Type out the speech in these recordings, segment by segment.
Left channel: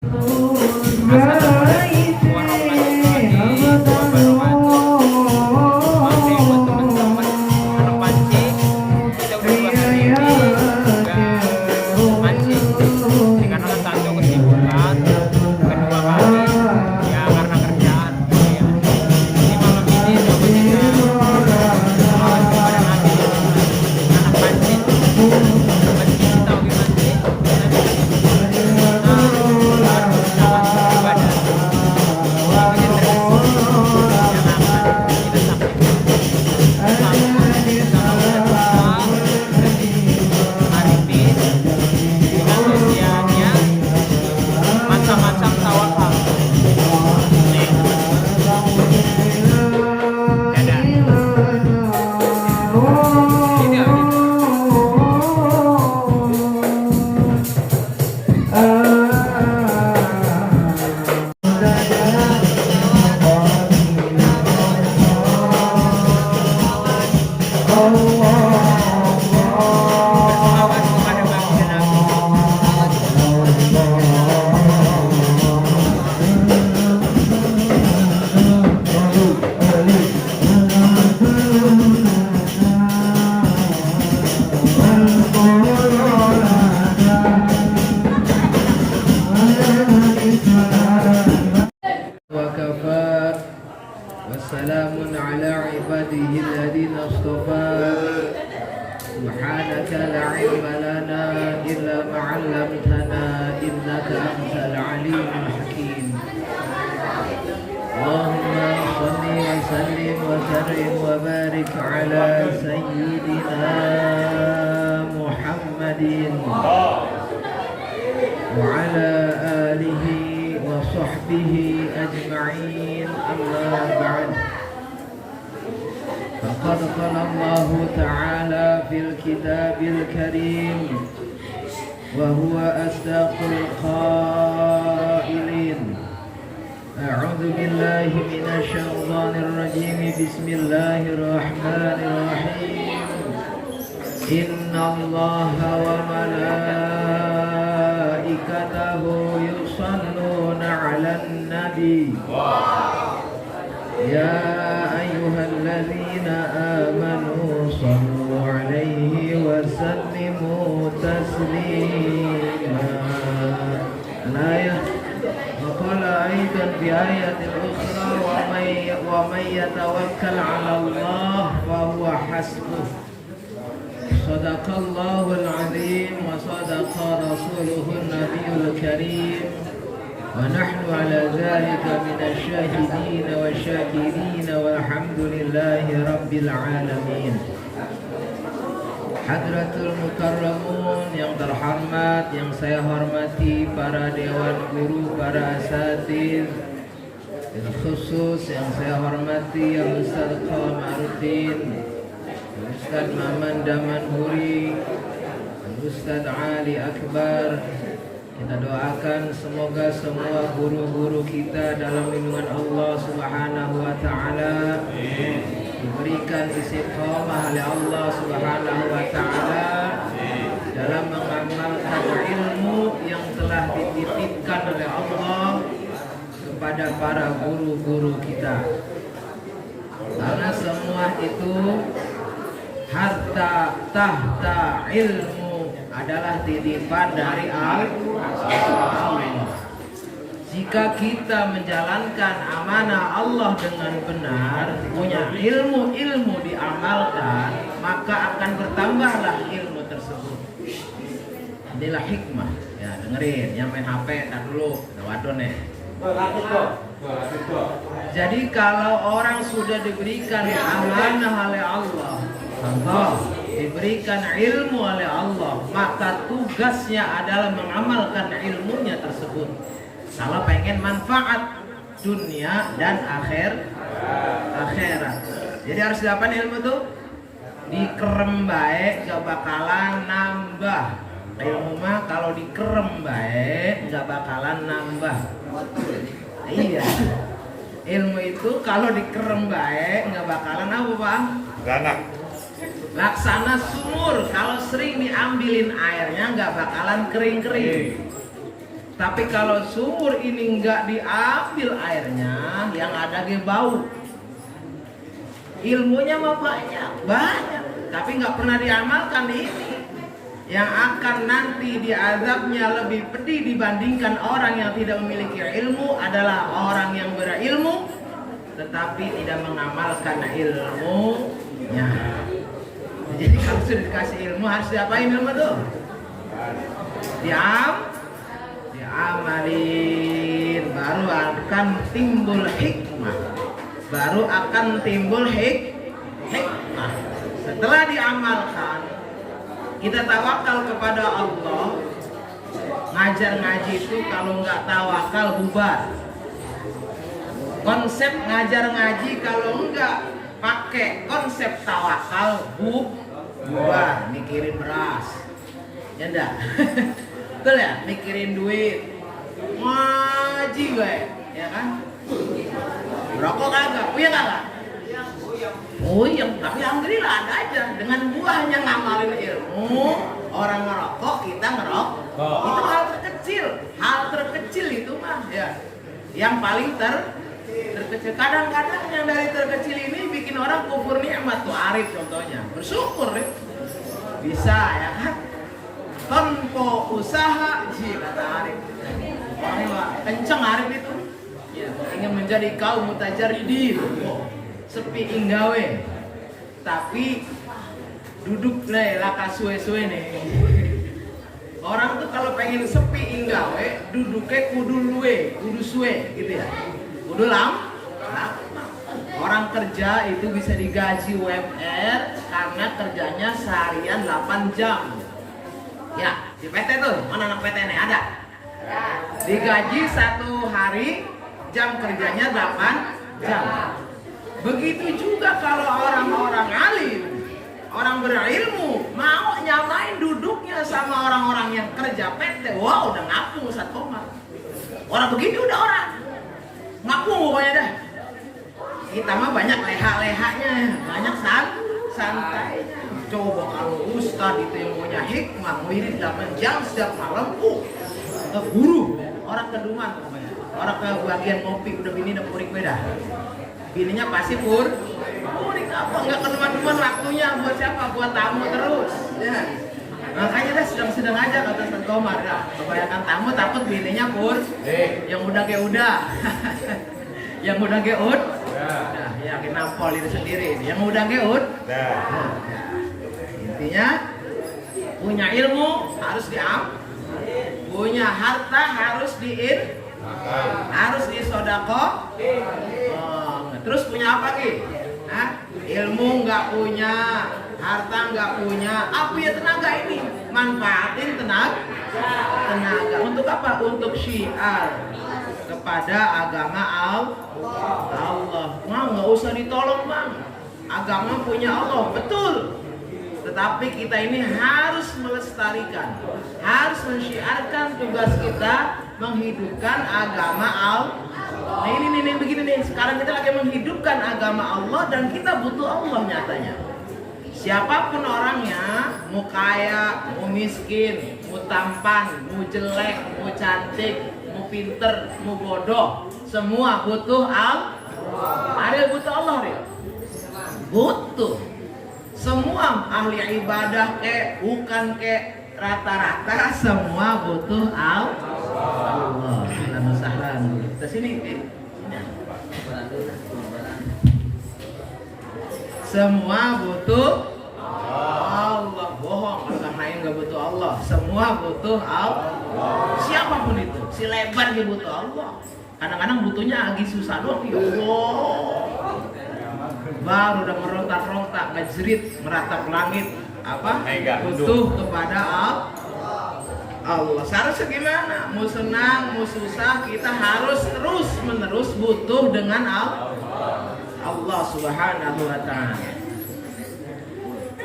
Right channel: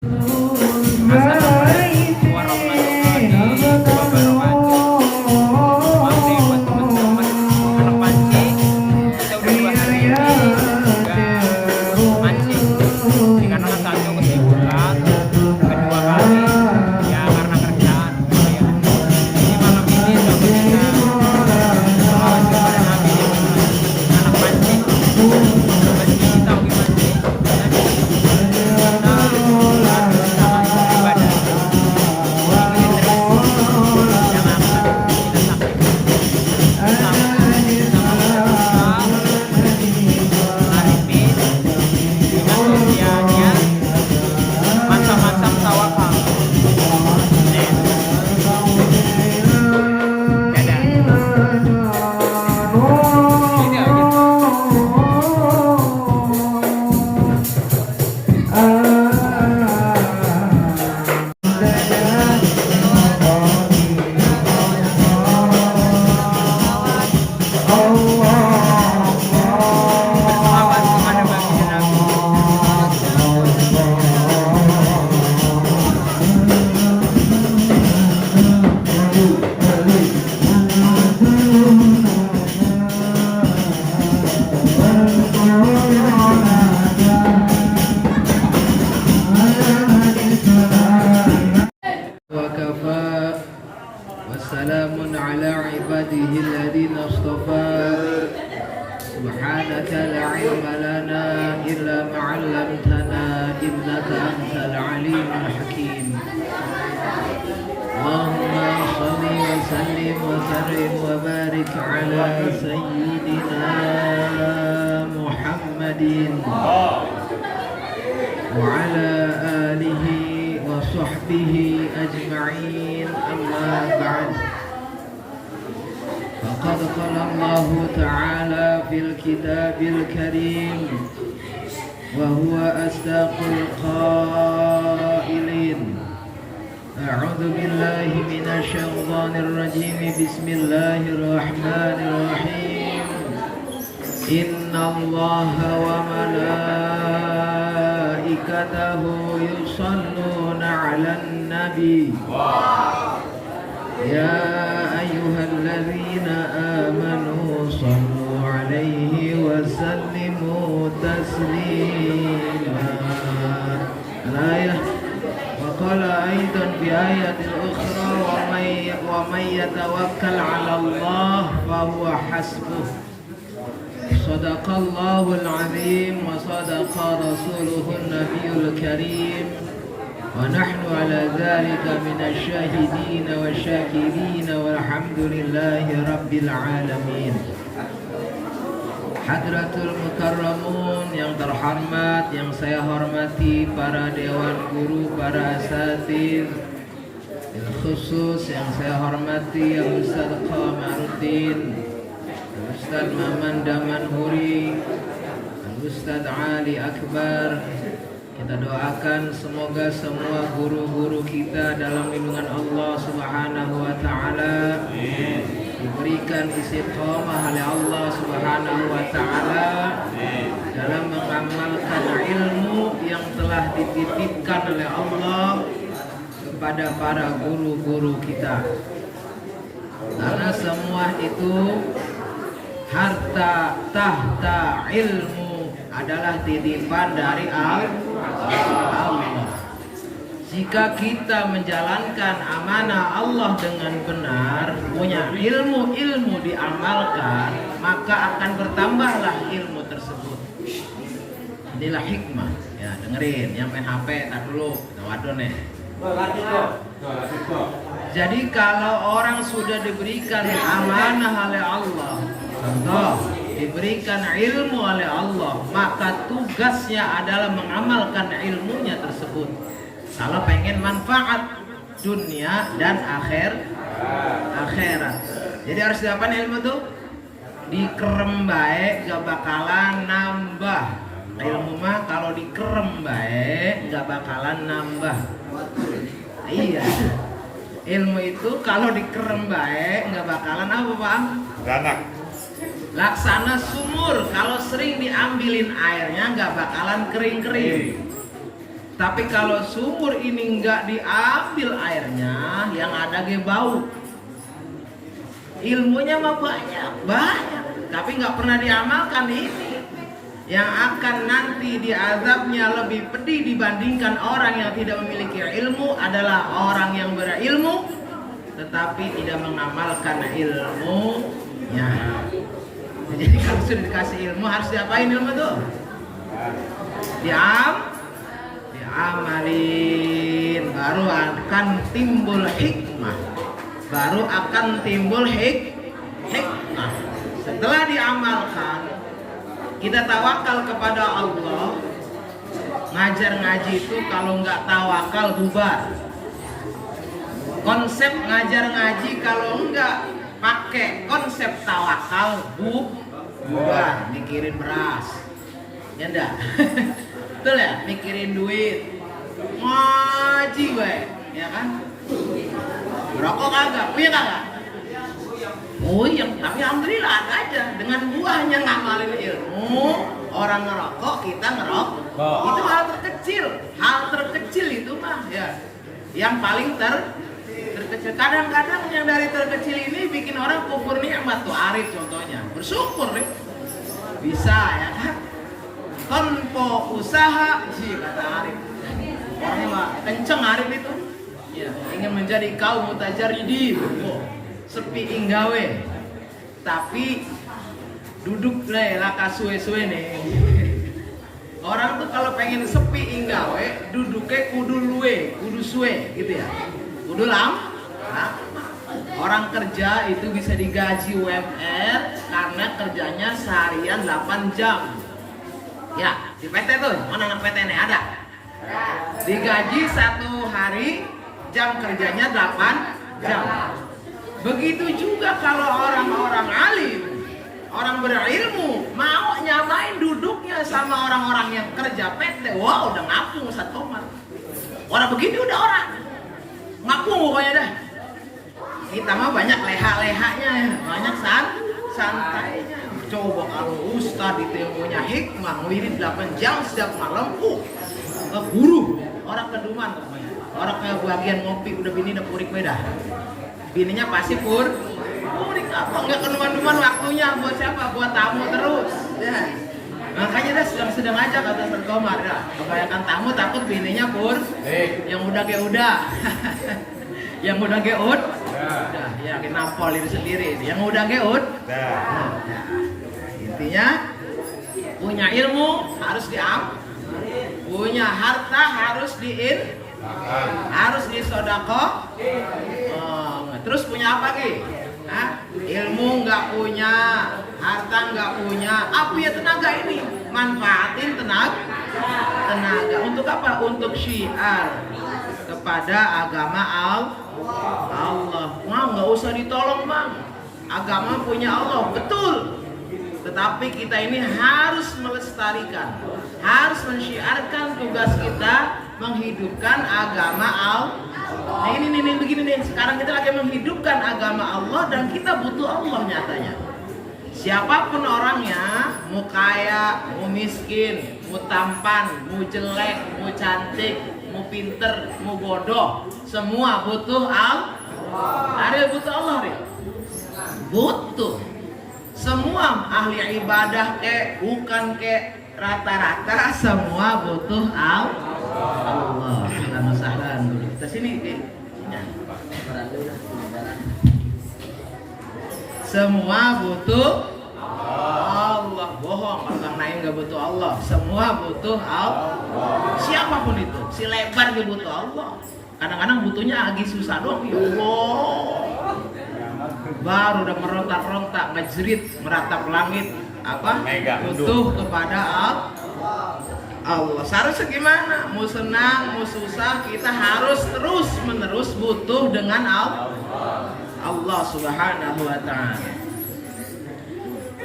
Assalamualaikum warahmatullahi wabarakatuh. Maaf nih buat teman-teman anak pancing, kita udah 2 hari ini nggak mancing. Ini karena kan satu kesibukan, kedua kali ya karena kerjaan ya. Jadi malam ini coba kita selawat kepada Nabi anak pancing. Meski kita hobi mancing, tapi kita harus sangat beribadah. Ikutin terus yang akan kita sampaikan. Sama Arifin dengan usianya macam-macam tawakal. Nih teman-teman. Dadah. Ini aja. Berselawat kepada baginda Nabi. وكفى وسلام على عباده الذين اصطفى سبحانك لا علم لنا إلا ما علمتنا إنك أنت العليم الحكيم اللهم صل وسلم وكرم وبارك على سيدنا محمد وعلى آله وصحبه أجمعين أما بعد فقد قال الله تعالى في الكتاب الكريم وهو أصدق القائلين أعوذ بالله من الشيطان الرجيم بسم الله الرحمن الرحيم إن الله وملائكته يصلون على النبي يا أيها الذين آمنوا صلوا عليه وسلموا تسليما وقال أيضا في آية أخرى ومن يتوكل على الله فهو حسبه صدق الله العظيم وصدق رسوله النبي الكريم ونحن على ذلك من الشاهدين والشاكرين والحمد لله رب العالمين. Hadratul Mukarramun yang terhormat, yang saya hormati para dewan guru, para asatidz, dan khusus yang saya hormati yang Ustaz Qamaruddin, Ustaz Maman Damanhuri, Ustaz Ali Akbar. Kita doakan semoga semua guru-guru kita dalam lindungan Allah Subhanahu wa taala diberikan istiqamah oleh Allah Subhanahu wa taala dalam mengamalkan ilmu yang telah dititipkan oleh Allah kepada para guru-guru kita. Karena semua itu harta tahta ilmu adalah titipan dari Allah. Jika kita menjalankan amanah Allah dengan benar, punya ilmu diamalkan, maka akan bertambahlah ilmu tersebut. Inilah hikmah. Ya, dengerin, yang main HP tak dulu, waduh nih. Jadi kalau orang sudah diberikan amanah oleh Allah, diberikan ilmu oleh Allah, maka tugasnya adalah mengamalkan ilmunya tersebut. Kalau pengen manfaat dunia dan akhirat. Jadi harus diapain ilmu tuh? Dikerem baik gak bakalan nambah. Ilmu mah kalau dikerem baik gak bakalan nambah. Iya. Ilmu itu kalau dikerem baik gak bakalan apa, Pak? Beranak. Laksana sumur, kalau sering diambilin airnya nggak bakalan kering-kering. Tapi kalau sumur ini nggak diambil airnya, yang ada ge bau. Ilmunya mah banyak, tapi nggak pernah diamalkan ini. Yang akan nanti diazabnya lebih pedih dibandingkan orang yang tidak memiliki ilmu adalah orang yang berilmu tetapi tidak mengamalkan ilmunya. Jadi kalau sudah dikasih ilmu harus diapain ilmu tuh? Diamalin, baru akan timbul hikmah. Baru akan timbul hikmah. Setelah diamalkan, kita tawakal kepada Allah. Ngajar ngaji itu kalau nggak tawakal bubar. Konsep ngajar ngaji kalau nggak pakai konsep tawakal bubar. Mikirin beras, ya enggak? Betul ya? Mikirin duit, ngaji baik, ya kan? Rokok kagak, punya kagak? Oh iya, tapi alhamdulillah ada aja. Dengan buahnya ngamalin ilmu, orang ngerokok, kita ngerokok. Itu hal terkecil itu mah ya. Yang paling terkecil. Kadang-kadang yang dari terkecil ini bikin orang kufur nikmat tuh. Arif contohnya, bersyukur deh. Bisa ya kan? Tanpa usaha, sih kata Arif. Orangnya nggak kenceng Arif itu. Ya, ingin menjadi kaum mutajaridin. Sepi inggawe, tapi duduk laka suwe-suwe nih. Orang tuh kalau pengen sepi inggawe, duduknya kudu suwe gitu ya. Kudu lama. Orang kerja itu bisa digaji UMR karena kerjanya seharian 8 jam. Ya, di PT tuh, mana anak PT nih ada? Digaji 1 hari, jam kerjanya 8 jam. Begitu juga kalau orang-orang alim, orang berilmu mau nyamain duduknya sama orang-orang yang kerja PT. Wah, udah ngapung Ustaz Komar. Orang begitu udah orang ngapung pokoknya dah. Kita mah banyak leha-lehanya, banyak santainya. Coba kalau Ustaz itu yang punya hikmah, wirid 8 jam setiap malam, guru orang keduman pokoknya. Orang ke bagian ngopi udah bini udah purik beda. Bininya pasti purik apa nggak kenuman-numan waktunya buat siapa? Buat tamu terus. Ya. Makanya dah sedang-sedang aja kata Ustaz Komar. Dah. Kebanyakan tamu takut bininya yang udah kayak udah. Yang udah geut. Ya, yakin nampol itu sendiri. Yang udah geut. Nah, intinya punya ilmu harus punya harta harus harus disodako. Terus punya apa lagi? Ilmu nggak punya, harta nggak punya, apa ya tenaga ini? Manfaatin tenaga. Untuk apa? Untuk syiar kepada agama Allah. Nggak usah ditolong bang. Agama punya Allah, betul. Tetapi kita ini harus melestarikan, harus mensyiarkan tugas kita menghidupkan agama Allah. Nah ini begini nih, sekarang kita lagi menghidupkan agama Allah dan kita butuh Allah nyatanya. Siapapun orangnya, mau kaya, mau miskin, mau tampan, mau jelek, mau cantik, mau pinter, mau bodoh, semua butuh Allah. Ada butuh Allah nih. Butuh. Semua ahli ibadah bukan rata-rata semua butuh Allah. Ke sini. Semua butuh Allah. Bohong kalau Kang Naim nggak butuh Allah. Semua butuh Allah. Siapapun itu, si lebar dia butuh Allah. Kadang-kadang butuhnya lagi susah doang. Ya Allah. Baru udah merontak-rontak, ngejerit, meratap langit. Apa? Butuh kepada Allah. Seharusnya gimana? Mau senang, mau susah, kita harus terus-menerus butuh dengan Allah Subhanahu wa ta'ala.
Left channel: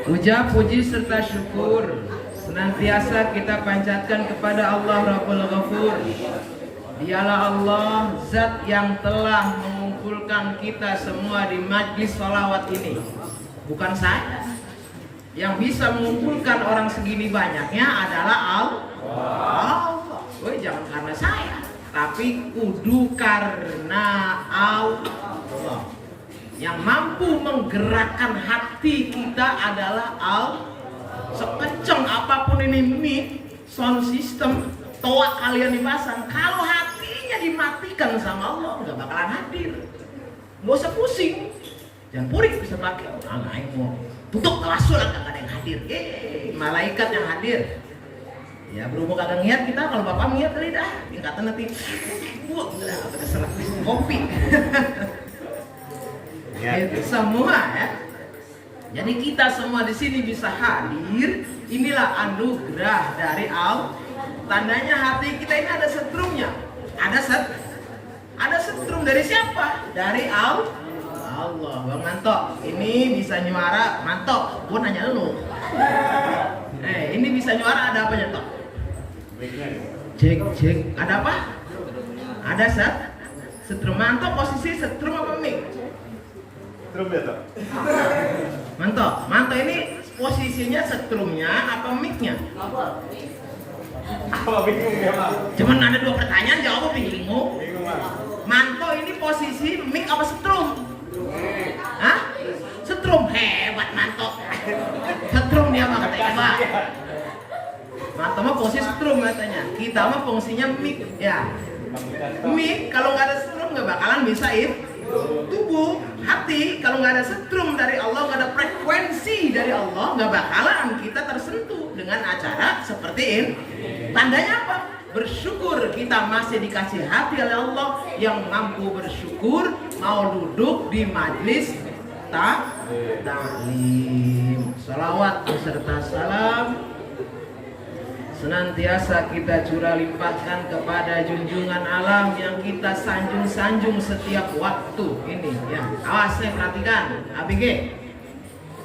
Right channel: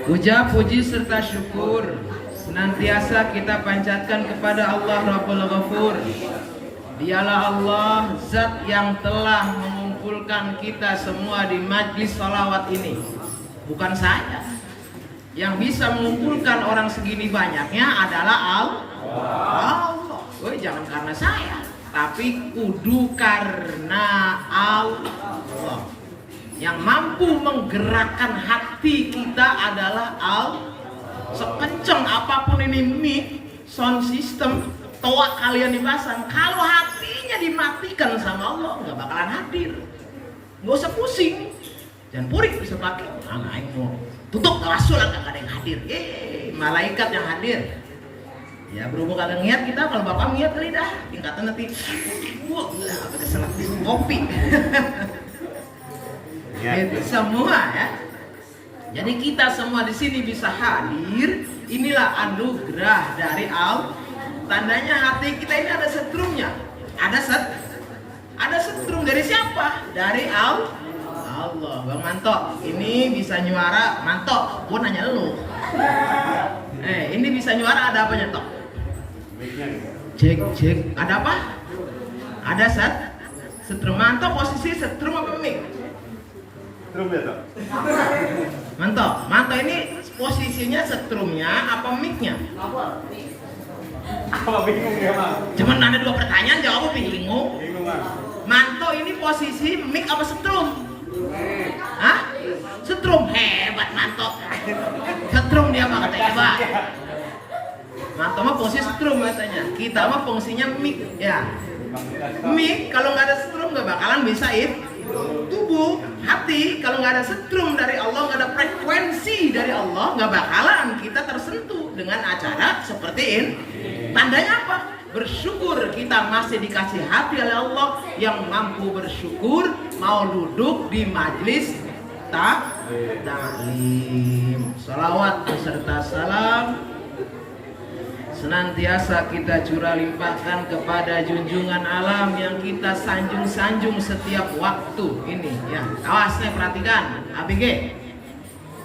Puja, puji serta syukur senantiasa kita panjatkan kepada Allah Rabbul Ghafur. Dialah Allah zat yang telah mengumpulkan kita semua di majlis sholawat ini. Bukan saya. Yang bisa mengumpulkan orang segini banyaknya adalah Allah. Woi, jangan karena saya, tapi kudu karena Allah. Yang mampu menggerakkan hati kita adalah Allah. Sekenceng apapun ini mic, sound system, toa kalian dipasang, kalau hatinya dimatikan sama Allah, nggak bakalan hadir. Nggak usah pusing. Dan purik bisa pakai. Aing mau tutup tawasul, nggak ada yang hadir. Malaikat yang hadir. Ya berhubung kagak ngiat kita, kalau bapak ngiat kali dah, tingkatan nanti apa keselak kopi. Itu semua ya. Jadi kita semua di sini bisa hadir. Inilah anugerah dari Allah. Tandanya hati kita ini ada setrumnya. Ada setrum dari siapa? Dari Allah. Bang Manto, ini bisa nyuara. Manto, gua nanya lu. Ini bisa nyuara, ada apanya Tok? Cek. Ada apa? Ada setrum. Manto posisi setrum apa mic? Setrum ya Tok? Manto ini posisinya setrumnya apa mic-nya? Apa bingung ya Bang? Cuman ada 2 pertanyaan, jawabnya bingung. Bingung Bang. Manto ini posisi mic apa setrum? Hah? Setrum, hebat Manto. Setrum dia mah katanya Pak. Manto mah fungsi setrum katanya. Kita mah fungsinya mic ya. Mic kalau nggak ada setrum nggak bakalan bisa tubuh, hati. Kalau nggak ada setrum dari Allah, nggak ada frekuensi dari Allah, nggak bakalan kita tersentuh dengan acara seperti ini. Tandanya apa? Bersyukur kita masih dikasih hati oleh Allah yang mampu bersyukur, mau duduk di majlis taklim. Salawat beserta salam senantiasa kita curah limpahkan kepada junjungan alam yang kita sanjung-sanjung setiap waktu ini ya. Awas nih, perhatikan ABG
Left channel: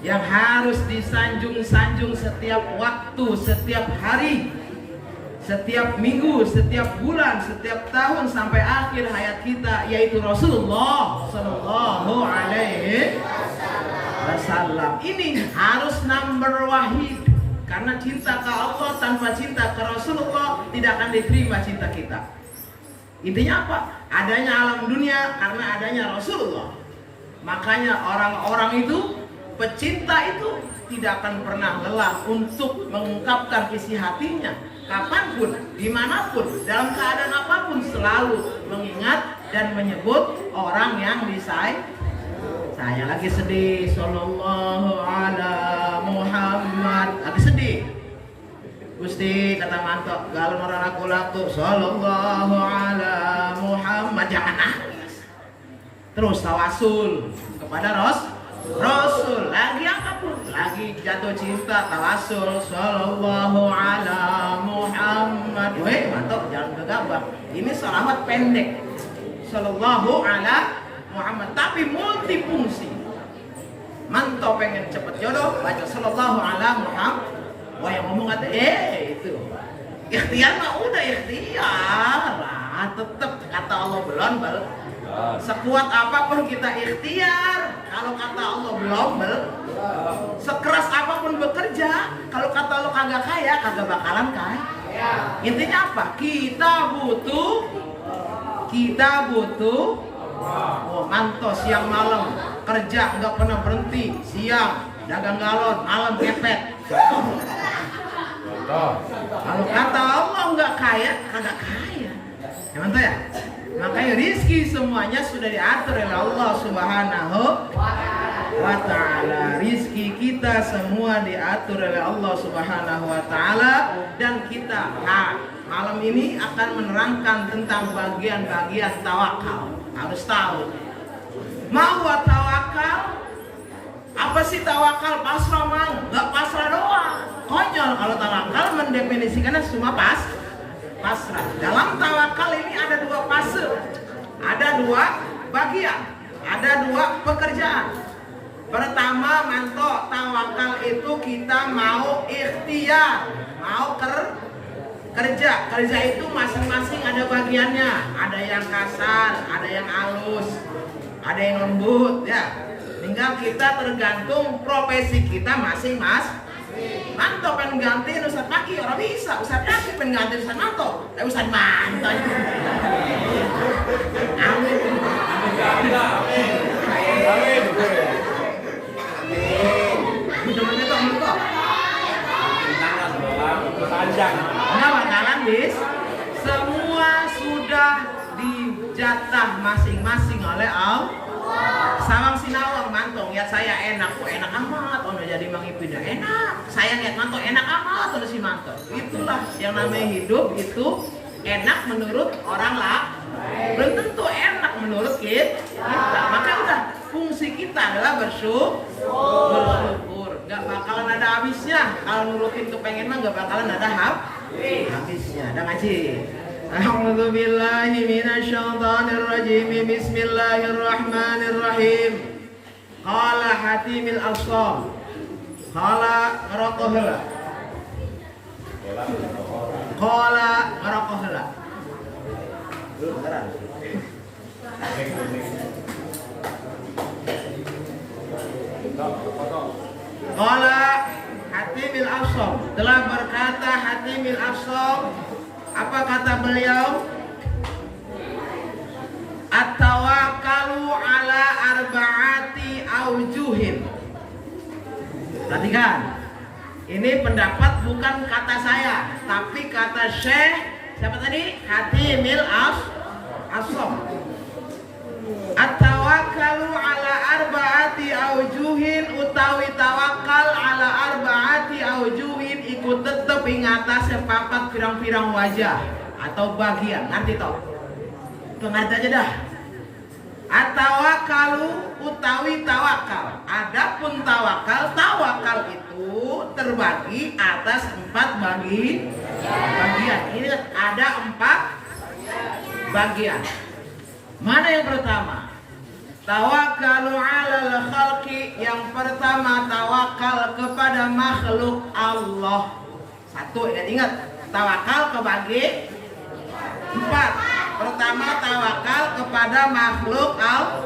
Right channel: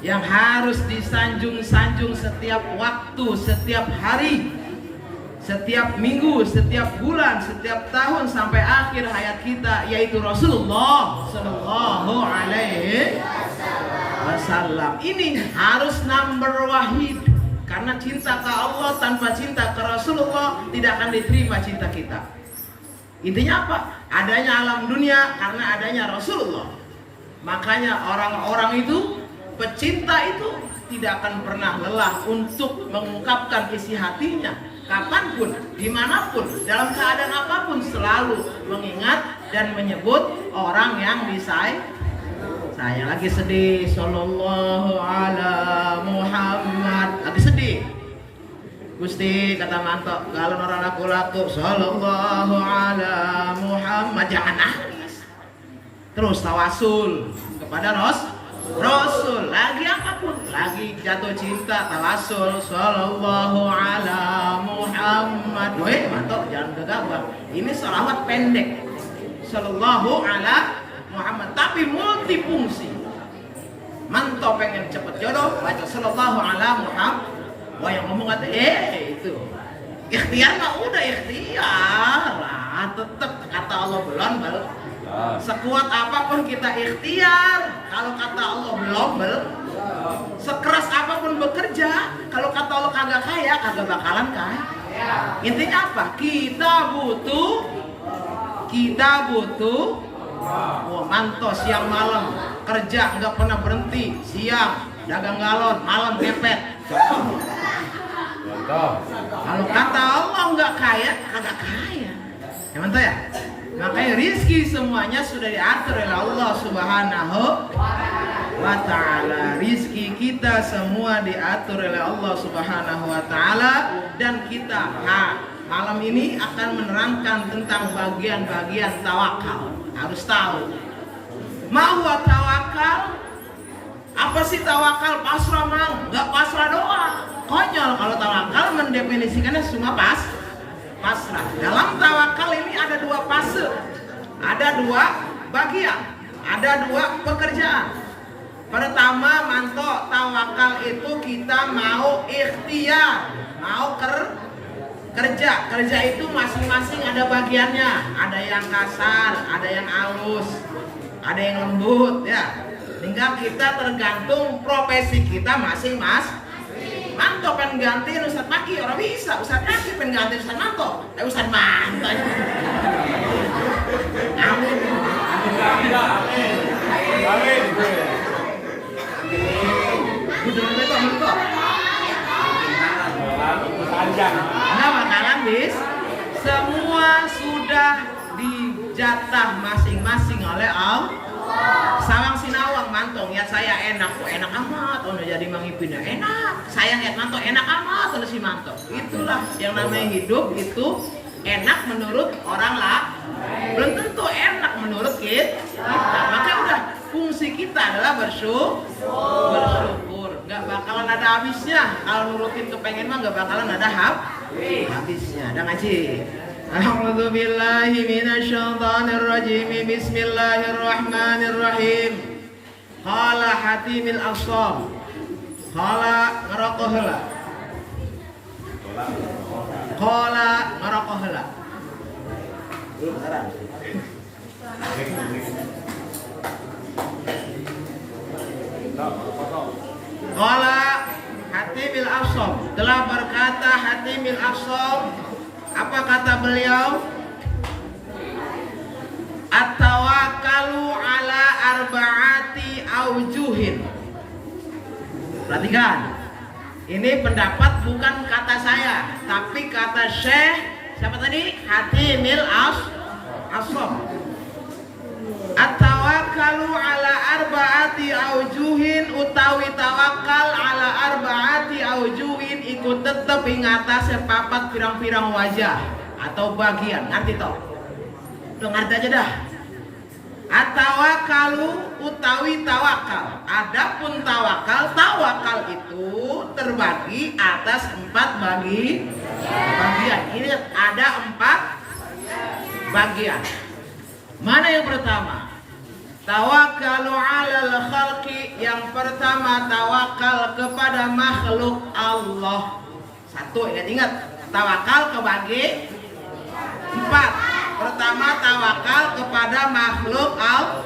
yang harus disanjung-sanjung setiap waktu, setiap hari, setiap minggu, setiap bulan, setiap tahun sampai akhir hayat kita, yaitu Rasulullah Sallallahu Alaihi Wasallam. Ini harus number wahid. Karena cinta ke Allah tanpa cinta ke Rasulullah tidak akan diterima cinta kita. Intinya apa? Adanya alam dunia karena adanya Rasulullah. Makanya orang-orang itu, pecinta itu tidak akan pernah lelah untuk mengungkapkan isi hatinya. Kapanpun, dimanapun, dalam keadaan apapun selalu mengingat dan menyebut orang yang disayang. Saya lagi sedih, sallallahu ala Muhammad. Lagi sedih. Gusti kata Manto, galon orang laku-laku, sallallahu ala Muhammad. Jangan nangis. Terus tawasul kepada Rasul. Lagi apapun, lagi jatuh cinta, tawasul, sallallahu ala Muhammad. Weh, Manto jangan gegabah. Ini sholawat pendek. Sallallahu ala Muhammad, tapi multifungsi. Manto pengen cepet jodoh, baca sallallahu ala Muhammad. Wah yang ngomong kata, itu ikhtiar mah udah ikhtiar lah, tetep kata Allah belum. Sekuat apapun kita ikhtiar, kalau kata Allah belum. Sekeras apapun bekerja, kalau kata Allah kagak kaya, kagak bakalan kaya. Intinya apa? Kita butuh. Oh, Manto siang malam kerja nggak pernah berhenti, siang dagang galon, malam ngepet. Kalau kata Allah nggak kaya, kagak kaya. Ya Manto ya. Makanya rizki semuanya sudah diatur oleh Allah Subhanahu wa Ta'ala. Rizki kita semua diatur oleh Allah Subhanahu wa Ta'ala, dan kita malam ini akan menerangkan tentang bagian-bagian tawakal. Harus tahu. Mau tawakal? Apa sih tawakal? Pasrah mang? Gak pasrah doang. Konyol kalau tawakal mendefinisikannya cuma pasrah. Dalam tawakal ini ada 2 fase. Ada 2 bagian. Ada 2 pekerjaan. Pertama, Manto, tawakal itu kita mau ikhtiar, mau kerja itu masing-masing ada bagiannya. Ada yang kasar, ada yang halus, ada yang lembut ya. Tinggal kita tergantung profesi kita masing-masing. Manto pengen gantiin Ustaz Maki, orang bisa. Ustaz Maki pengen gantiin Ustaz Manto, tapi Ustaz Manto. Amin. Amin. Amin. Itu Manto. Panjang. Nah, makanan bis, semua sudah dijatah masing-masing oleh Allah. Sawang sinawang mantong ya saya enak kok enak amat ono jadi mangipin enak. Saya lihat manto enak amat ono si manto. Itulah yang namanya hidup itu enak menurut orang lah. Belum tentu enak menurut kita. Maka udah fungsi kita adalah bersyukur. Gak bakalan ada habisnya. Kalau nurutin kepengen mah gak bakalan ada habisnya. Udah ngaji. A'udzu billahi minasyaitonir rajim. Bismillahirrahmanirrahim. Qala Hatimil Asam. Qala ngerokok heula. Qala ngerokok heula. Lu beneran. Qala Hatimil Asam. Telah berkata Hatimil Asam. Apa kata beliau? At-tawakkalu ala arba'ati aujuhin. Perhatikan. Ini pendapat bukan kata saya, tapi kata Syekh siapa tadi? Hatimil Asam. At-tawakkalu ala arba'ati aujuhin utawi tawakal ala arba'ati aujuhin ikut tetep ing atas papat pirang-pirang wajah atau bagian. Nanti toh. Tuh ngerti aja dah. At-tawakkalu utawi tawakal. Adapun tawakal itu terbagi atas 4 bagian. Ini ada 4 bagian. Mana yang pertama? Tawakkalu 'alal khalqi. Yang pertama tawakal kepada makhluk Allah. 1 ingat tawakal kebagi 4. Pertama tawakal kepada makhluk Allah.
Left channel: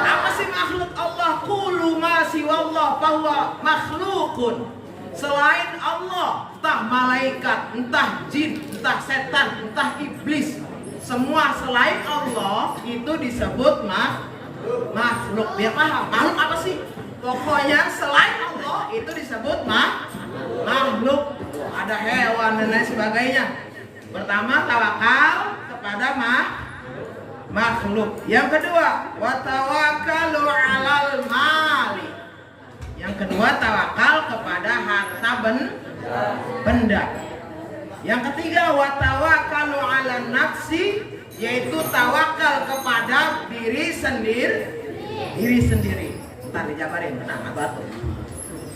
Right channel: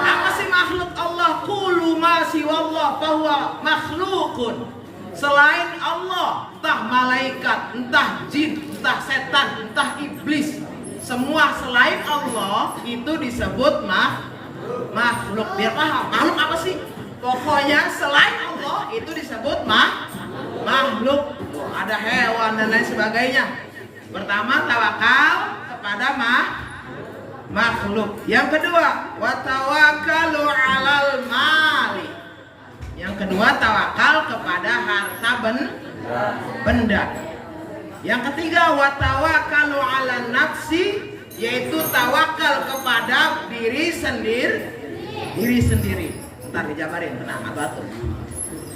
Apa sih makhluk Allah? Kullu ma siwallah fahuwa makhlukun. Selain Allah, entah malaikat, entah jin, entah setan, entah iblis, semua selain Allah itu disebut makhluk. Biar paham, makhluk apa sih? Pokoknya selain Allah itu disebut makhluk. Ada hewan dan lain sebagainya. Pertama tawakal kepada makhluk. Yang kedua, watawakkalu 'alal mali. Yang kedua tawakal kepada harta benda. Yang ketiga, watawakkalu 'alan nafsi, yaitu tawakal kepada diri sendiri. Ntar dijabarin, tenang atuh.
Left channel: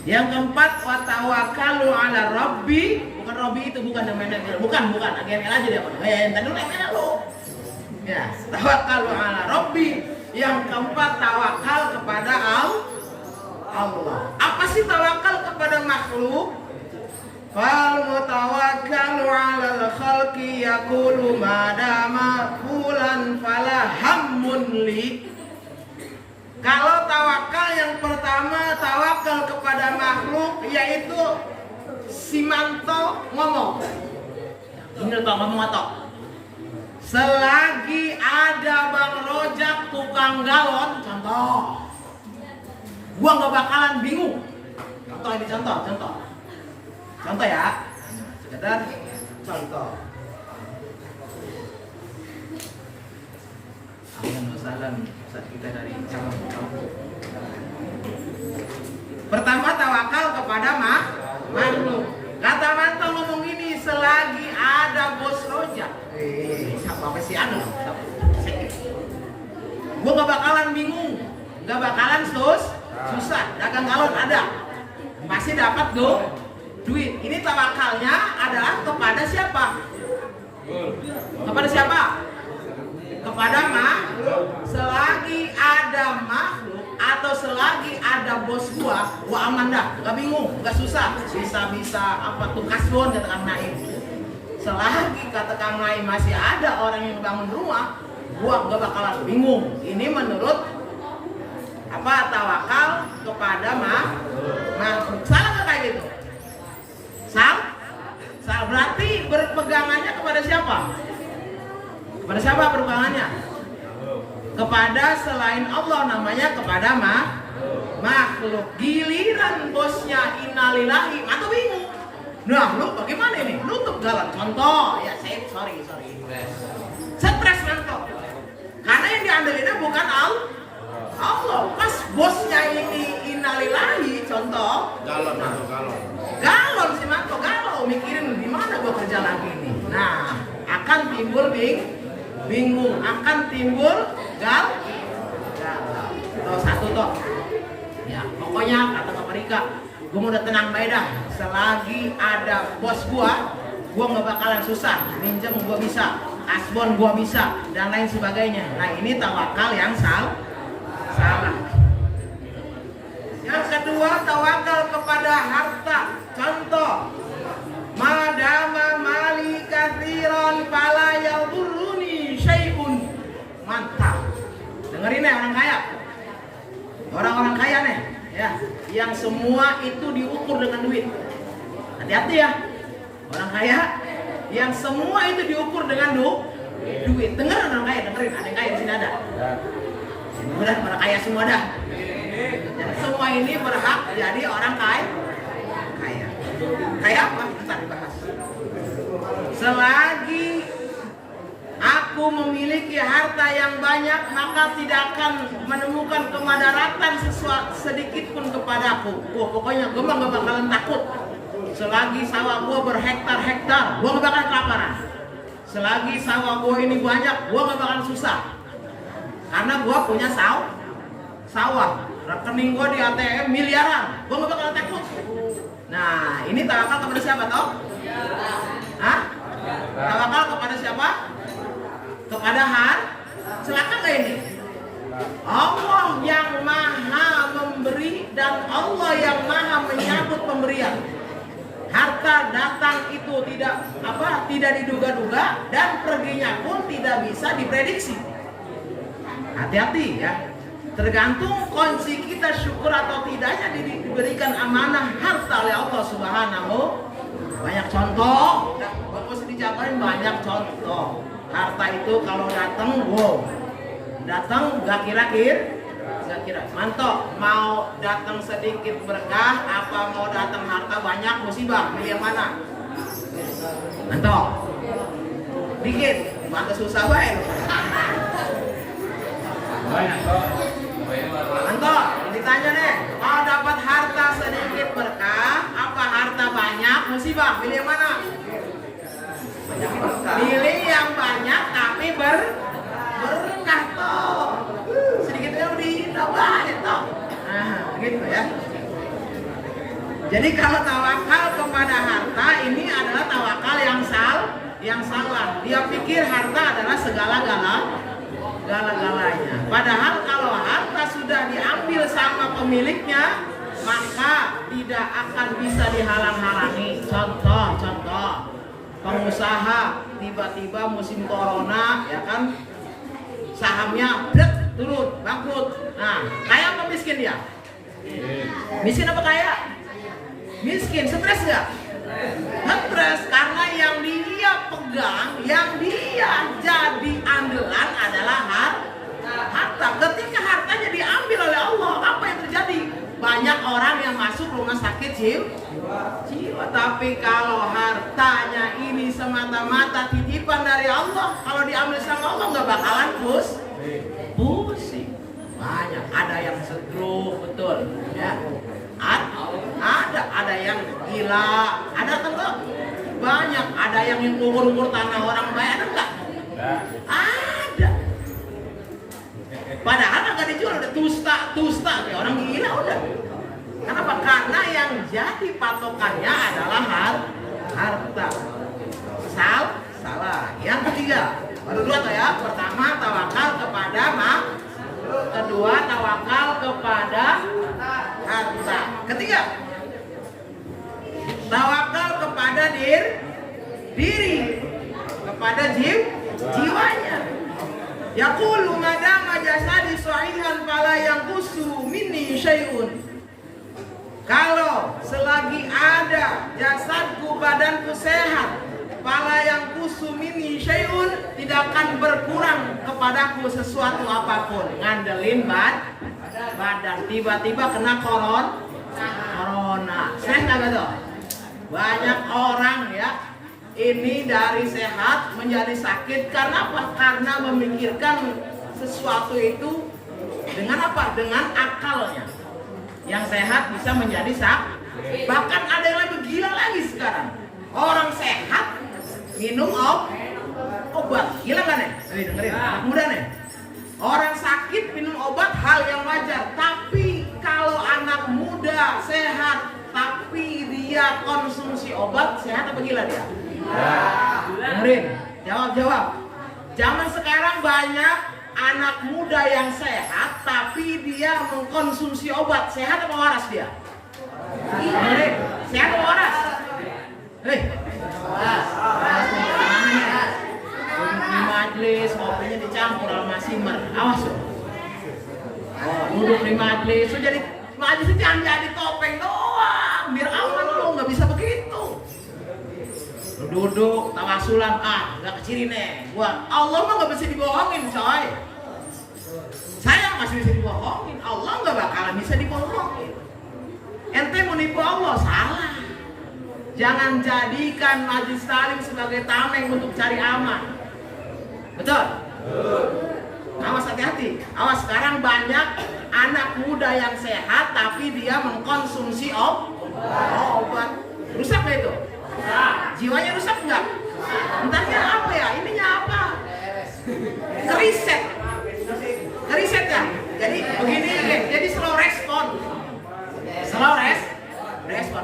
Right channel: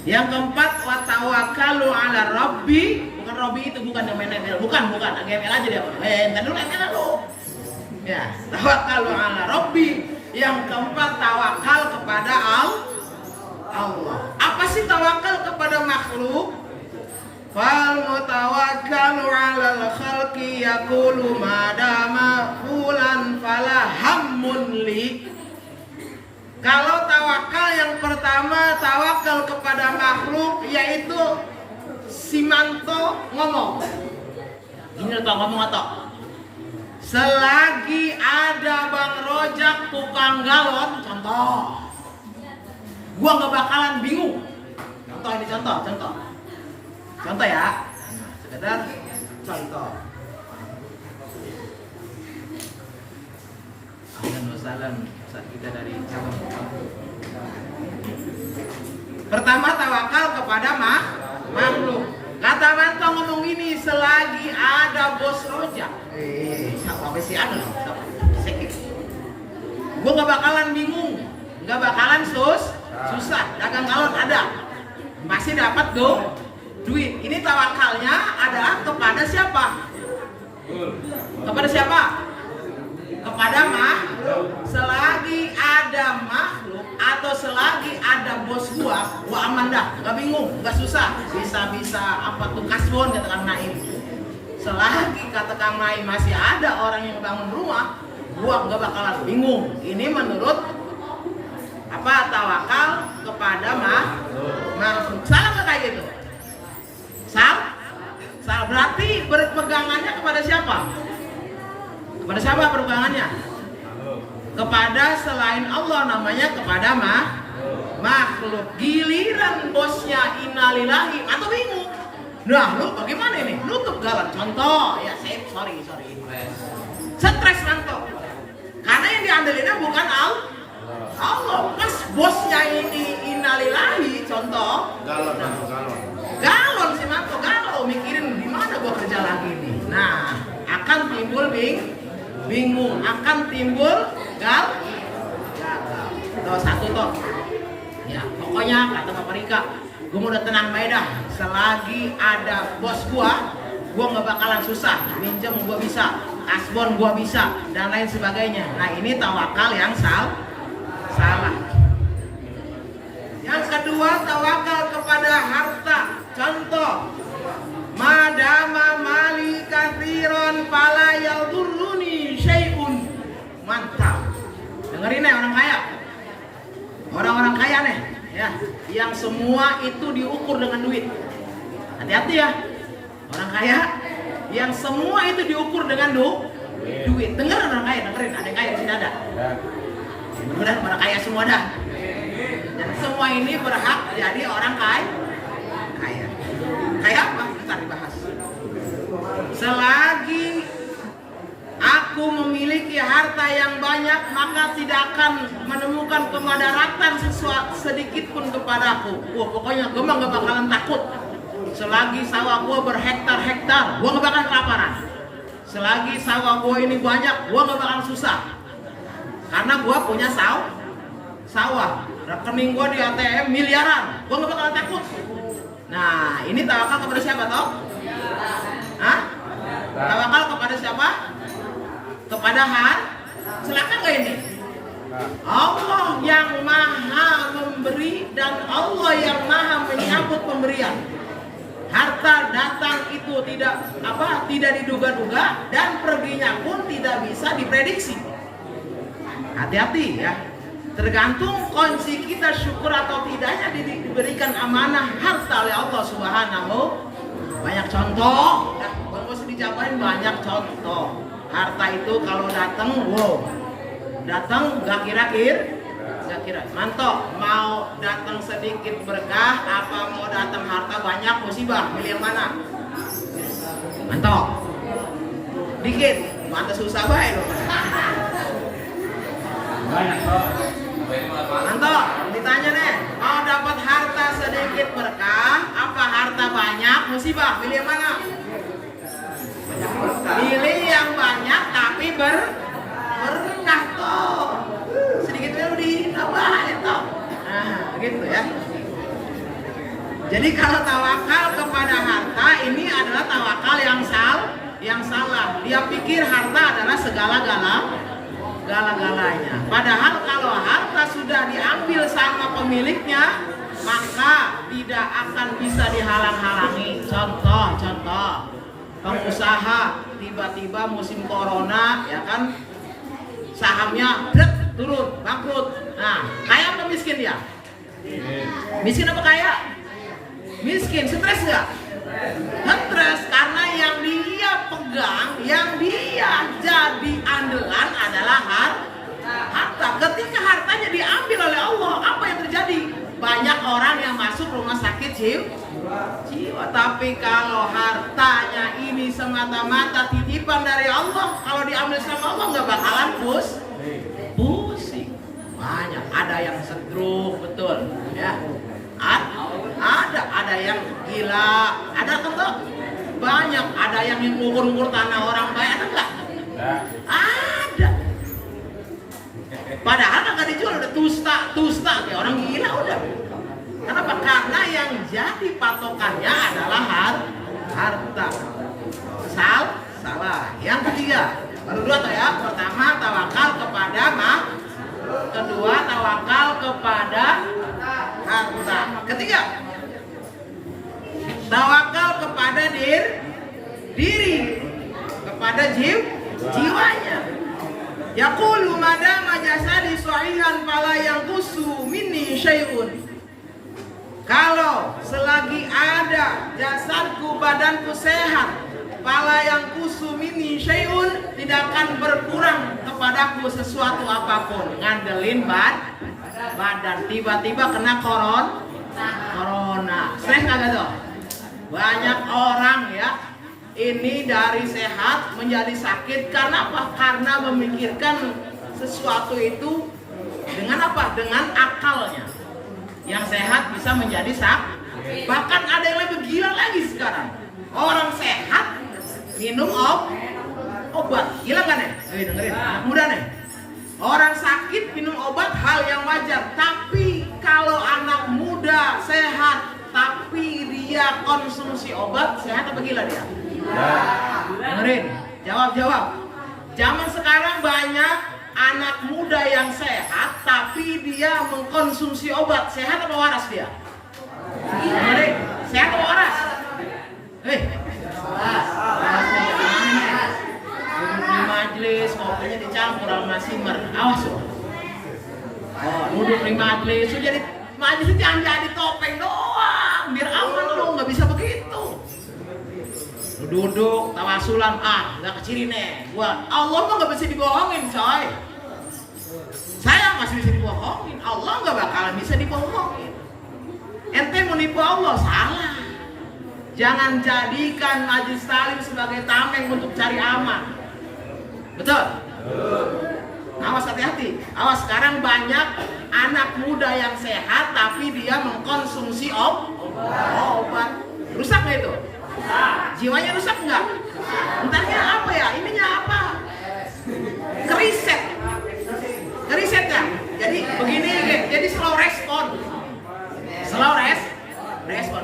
Yang keempat, watawakkalu 'ala rabbi. Bukan Robby itu, bukan yang main ML, bukan GML aja dia. Yang tadi lu ML lu. Ya, tawakkalu 'ala rabbi. Yang keempat, tawakal kepada Allah. Apa sih tawakal kepada makhluk? Fal mutawakkalu 'alal khalqi yaqulu madama fulan fala hammun li. Kalau tawakal yang pertama tawakal kepada makhluk, yaitu si Manto ngomong. Ini tau ngomong atau? Selagi ada Bang Rojak tukang galon, contoh, gua nggak bakalan bingung. Contoh ini contoh ya. Sekedar contoh. Alhamdulillah, Ustaz kita dari cabang. Pertama tawakal kepada makhluk. Kata Manto ngomong gini, selagi ada bos Rojak. Siapa sih ada loh? Sikit. Gua nggak bakalan bingung, nggak bakalan susah. Dagang galon ada, masih dapat duit. Ini tawakalnya adalah kepada siapa? Kepada siapa? Kepada selagi ada makhluk atau selagi ada bos gua aman dah, nggak bingung, nggak susah, bisa apa tuh kasbon kata Kang Naim. Selagi kata Kang Naim masih ada orang yang bangun rumah, gua nggak bakalan bingung. Ini menurut apa? Tawakal kepada makhluk. Salah nggak kayak gitu? selain Allah, namanya kepada makhluk. Giliran bosnya innalillahi, atau bingung. Nah, lu bagaimana ini? Nutup jalan. Contoh, ya sorry. Stres mantok. Karena yang diandelinnya bukan Allah. Pas bosnya ini innalillahi, contoh. Galon si mantok, galau mikirin di mana gua kerja lagi nih. Nah, akan timbul bingung, akan timbul galau. Tuh, satu toh. Ya, pokoknya kata Bapak Rika, gue mau udah tenang baik dah. Selagi ada bos gua nggak bakalan susah. Minjem gua bisa, asbon gua bisa, dan lain sebagainya. Nah, ini tawakal yang salah. Yang kedua, tawakal kepada harta. Contoh, madama mali kathiron fala yadurruni syai'un. Mantap. Dengerin ya orang kaya. Orang-orang kaya nih, ya, yang semua itu diukur dengan duit. Hati-hati ya, orang kaya yang semua itu diukur dengan duit. Dengerin orang kaya, dengerin. Ada yang kaya di sini ada. Udah, orang kaya semua dah. Dan semua ini berhak jadi orang kaya. Kaya apa? Kita dibahas. Selagi aku memiliki harta yang banyak, maka tidak akan menemukan kemadaratan sedikit pun kepadaku. Pokoknya gue mah gak bakalan takut. Selagi sawah gue berhektar-hektar, gue gak bakalan kelaparan. Selagi sawah gue ini banyak, gue gak bakalan susah. Karena gue punya sawah. Rekening gue di ATM miliaran, gue gak bakalan takut. Nah, ini tawakal kepada siapa toh? Hah? Tawakal kepada siapa? Kepada celaka gak ini? Allah yang maha memberi dan Allah yang maha menyambut pemberian. Harta datang itu tidak diduga-duga dan perginya pun tidak bisa diprediksi. Hati-hati ya. Tergantung kondisi kita syukur atau tidaknya diberikan amanah harta oleh Allah Subhanahu. Banyak contoh, nggak usah dijabarin, banyak contoh. Harta itu kalau datang nggak kira-kira. Mantok, mau datang sedikit berkah, apa mau datang harta banyak musibah, milih yang mana? Mantok, dikit, mantas susah baik. Banyak toh. Mantok, ditanya nih, mau dapat harta sedikit berkah, apa harta banyak musibah, pilih yang mana? Pilih yang banyak tapi berkah toh. Sedikitnya udah ditambahin toh. Nah, gitu ya. Jadi kalau tawakal kepada harta ini adalah tawakal yang salah. Dia pikir harta adalah segala-galanya. Padahal kalau harta sudah diambil sama pemiliknya, maka tidak akan bisa dihalang-halangi. Contoh, pengusaha tiba-tiba musim corona, ya kan, sahamnya turun, bangkrut. Nah, kaya apa miskin dia? Miskin apa kaya? Miskin. Stres nggak? Stres, karena yang dia pegang, yang dia jadi andalan adalah harta. Ketika hartanya diambil oleh Allah, apa yang terjadi? Banyak orang yang masuk rumah sakit jiwa. Tapi kalau hartanya ini semata-mata titipan dari Allah, kalau diambil sama Allah nggak bakalan pusing. Banyak, ada yang stroke, betul ya. Ada yang gila, ada enggak? Banyak, ada yang ngukur-ngukur tanah orang bayar enggak? Ada. Padahal nggak dijual, udah tusta kayak orang gila udah. Kenapa? Karena yang jadi patokannya adalah harta. Salah. Yang ketiga, baru dua toh ya. Pertama tawakal kepada kedua tawakal kepada harta. Ketiga, tawakal kepada diri, kepada jiwanya. Yaqulu madama jasadi sahihan fala yanqusu minni syai'un. Kalau selagi ada jasadku, badanku sehat, Fala yang kusumini syai'un, tidak akan berkurang kepadaku sesuatu apapun. Ngandelin badan, tiba-tiba kena corona. Sering nggak tuh? Banyak orang ya, ini dari sehat menjadi sakit karena apa? Karena memikirkan sesuatu itu dengan apa? Dengan akalnya. Yang sehat bisa menjadi sakit. Bahkan ada yang lebih gila lagi sekarang. Orang sehat minum obat. Gila kan nih? Dengerin, anak muda nih. Orang sakit minum obat hal yang wajar. Tapi kalau anak muda sehat tapi dia konsumsi obat, sehat apa gila dia? Dengerin, jawab. Zaman sekarang banyak anak muda yang sehat tapi dia mengkonsumsi obat. Sehat apa waras dia? Dengerin, sehat apa waras? Duduk di majelis, kopinya dicampur sama simer. Awas loh. Duduk di majelis, jadi majelis itu jangan jadi topeng doang. Biar aman lo, nggak bisa begitu. Lu duduk, tawasulan, nggak keciri nih. Gua, Allah mah nggak bisa dibohongin, coy. Saya masih bisa dibohongin, Allah nggak bakalan bisa dibohongin. Ente mau nipu Allah, salah. Jangan jadikan majelis taklim sebagai tameng untuk cari aman. Betul? Awas, hati-hati. Awas, sekarang banyak anak muda yang sehat tapi dia mengkonsumsi obat. Rusak nggak itu? Jiwanya rusak nggak? Entarnya apa ya? Ininya apa? Keriset ya? Jadi begini, jadi slow respon.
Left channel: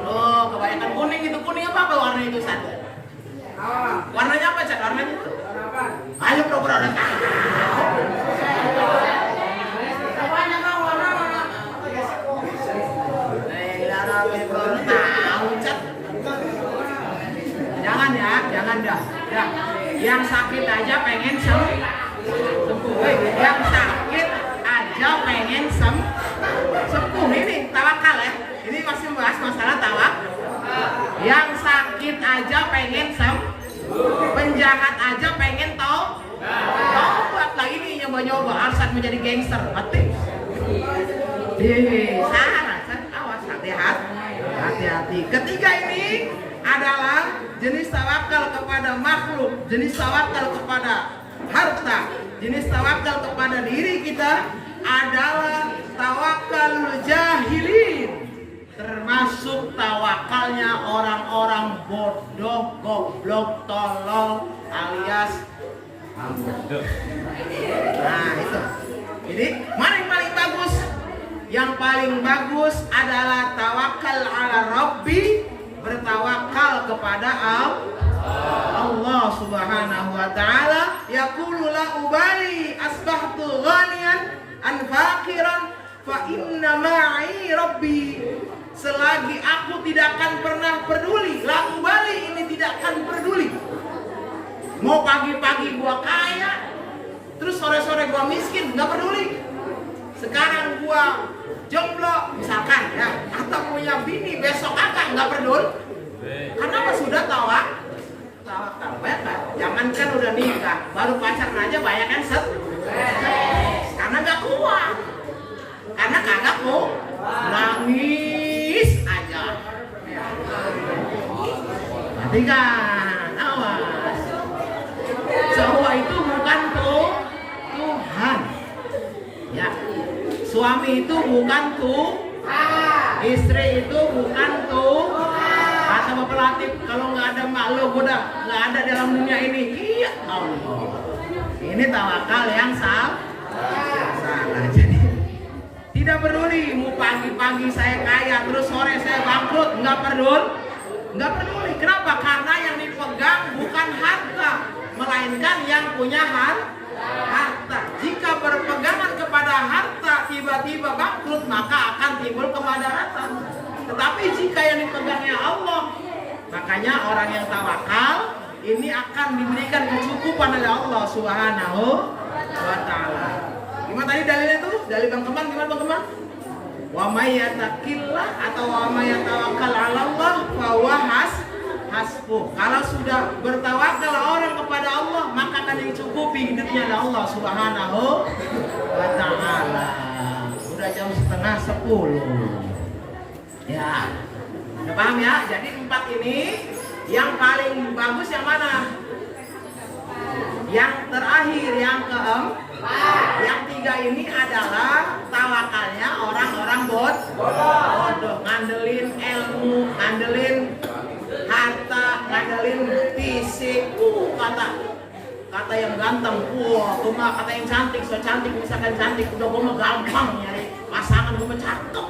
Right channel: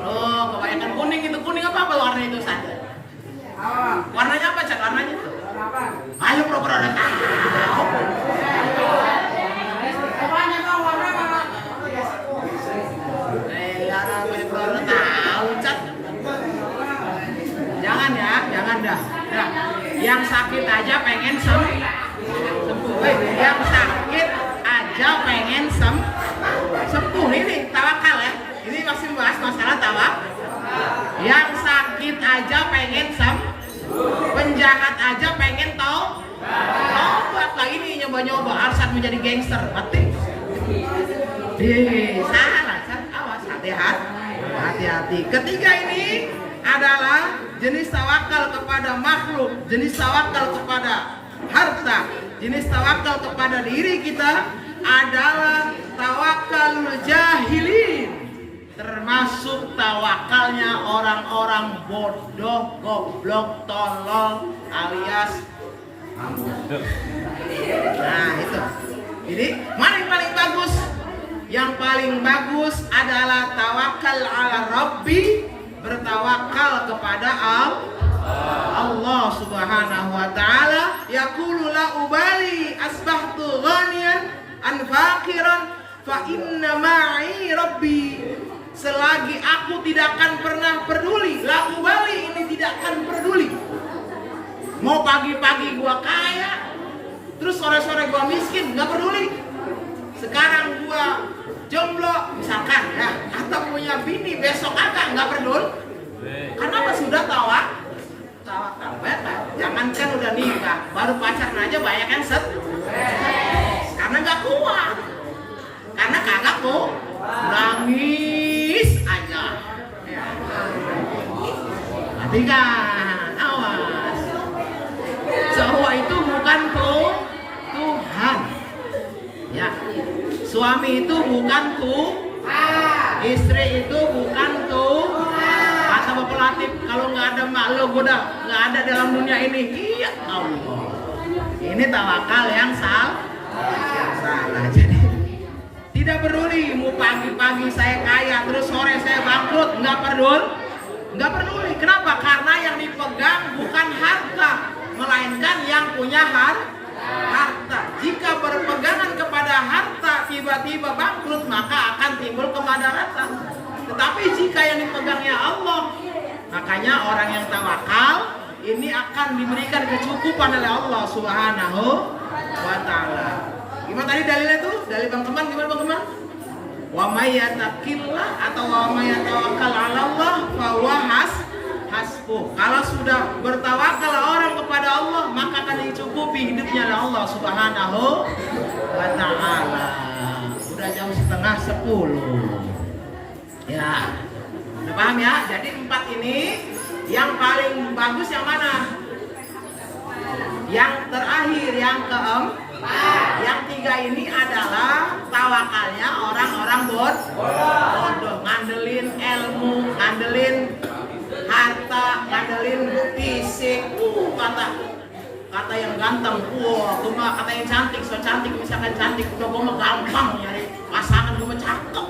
Oh, kebanyakan kuning itu. Kuning apa warna itu, San? Warnanya apa, Cak? Warnanya itu? Ayo pura-pura udah tahu. Jangan dah. Yang sakit aja pengen sembuh. Yang sakit aja pengen sembuh. Ini tawakal ya. Ini masih membahas masalah tawakal. Yang sakit aja pengen sembuh. Penjahat aja pengen tobat lagi nih, nyoba-nyoba alasan menjadi gangster. Mati. Salah, awas, hati-hati. Ketiga ini adalah jenis tawakal kepada makhluk, jenis tawakal kepada harta, jenis tawakal kepada diri kita adalah tawakal jahilin. Termasuk tawakalnya orang-orang bodoh, goblok, tolol alias nah itu. Jadi mana yang paling bagus? Yang paling bagus adalah tawakal ala Rabbi, bertawakal kepada Allah Subhanahu wa taala. Yaqulu la ubali asbahtu ghaniyan an faqiran fa inna ma'i Rabbi. Selagi aku tidak akan pernah peduli, la ubali ini tidak akan peduli. Mau pagi-pagi gua kaya, terus sore-sore gua miskin, nggak peduli. Sekarang gua jomblo misalkan ya, atau punya bini besok agak nggak peduli. Karena apa? Sudah tawakal. Banyak. Jangankan udah nikah, baru pacaran aja banyak yang karena nggak kuat, karena kagak kok nangis aja. Nanti kan, awas. Cowok itu bukan Tuhan. Ya, suami itu bukan istri itu bukan kata Bapak Latif, kalau nggak ada makhluk udah nggak ada dalam dunia ini. Iya, Allah. Ini tawakal yang salah. Jadi tidak peduli mau pagi-pagi saya kaya terus sore saya bangkrut, nggak peduli. Kenapa? Karena yang dipegang bukan harta, melainkan yang punya harta. Jika berpegangan kepada harta tiba-tiba bangkrut, maka akan timbul kemadharatan. Tetapi jika yang dipegangnya Allah, makanya orang yang tawakal ini akan diberikan kecukupan oleh Allah Subhanahu wa taala. Gimana tadi dalilnya tuh? Dalil Bang Keman gimana Bang Keman? Wa may yattaqillah atau wa may yatawakkal 'ala Allah fa huwa hasbuh. Kalau sudah bertawakal orang kepada Allah, maka akan dicukupi hidupnya oleh Allah Subhanahu wa ta'ala. Udah jam 9:30. Ya. Udah paham ya? Jadi 4 ini yang paling bagus yang mana? Yang terakhir, yang keempat. Yang 3 ini adalah tawakalnya orang-orang bodoh, ngandelin ilmu, ngandelin harta, ngandelin fisik. Kata yang ganteng, cuma kata yang cantik, so cantik, misalkan cantik, udah gue mah gampang nyari pasangan, gue mah cakep,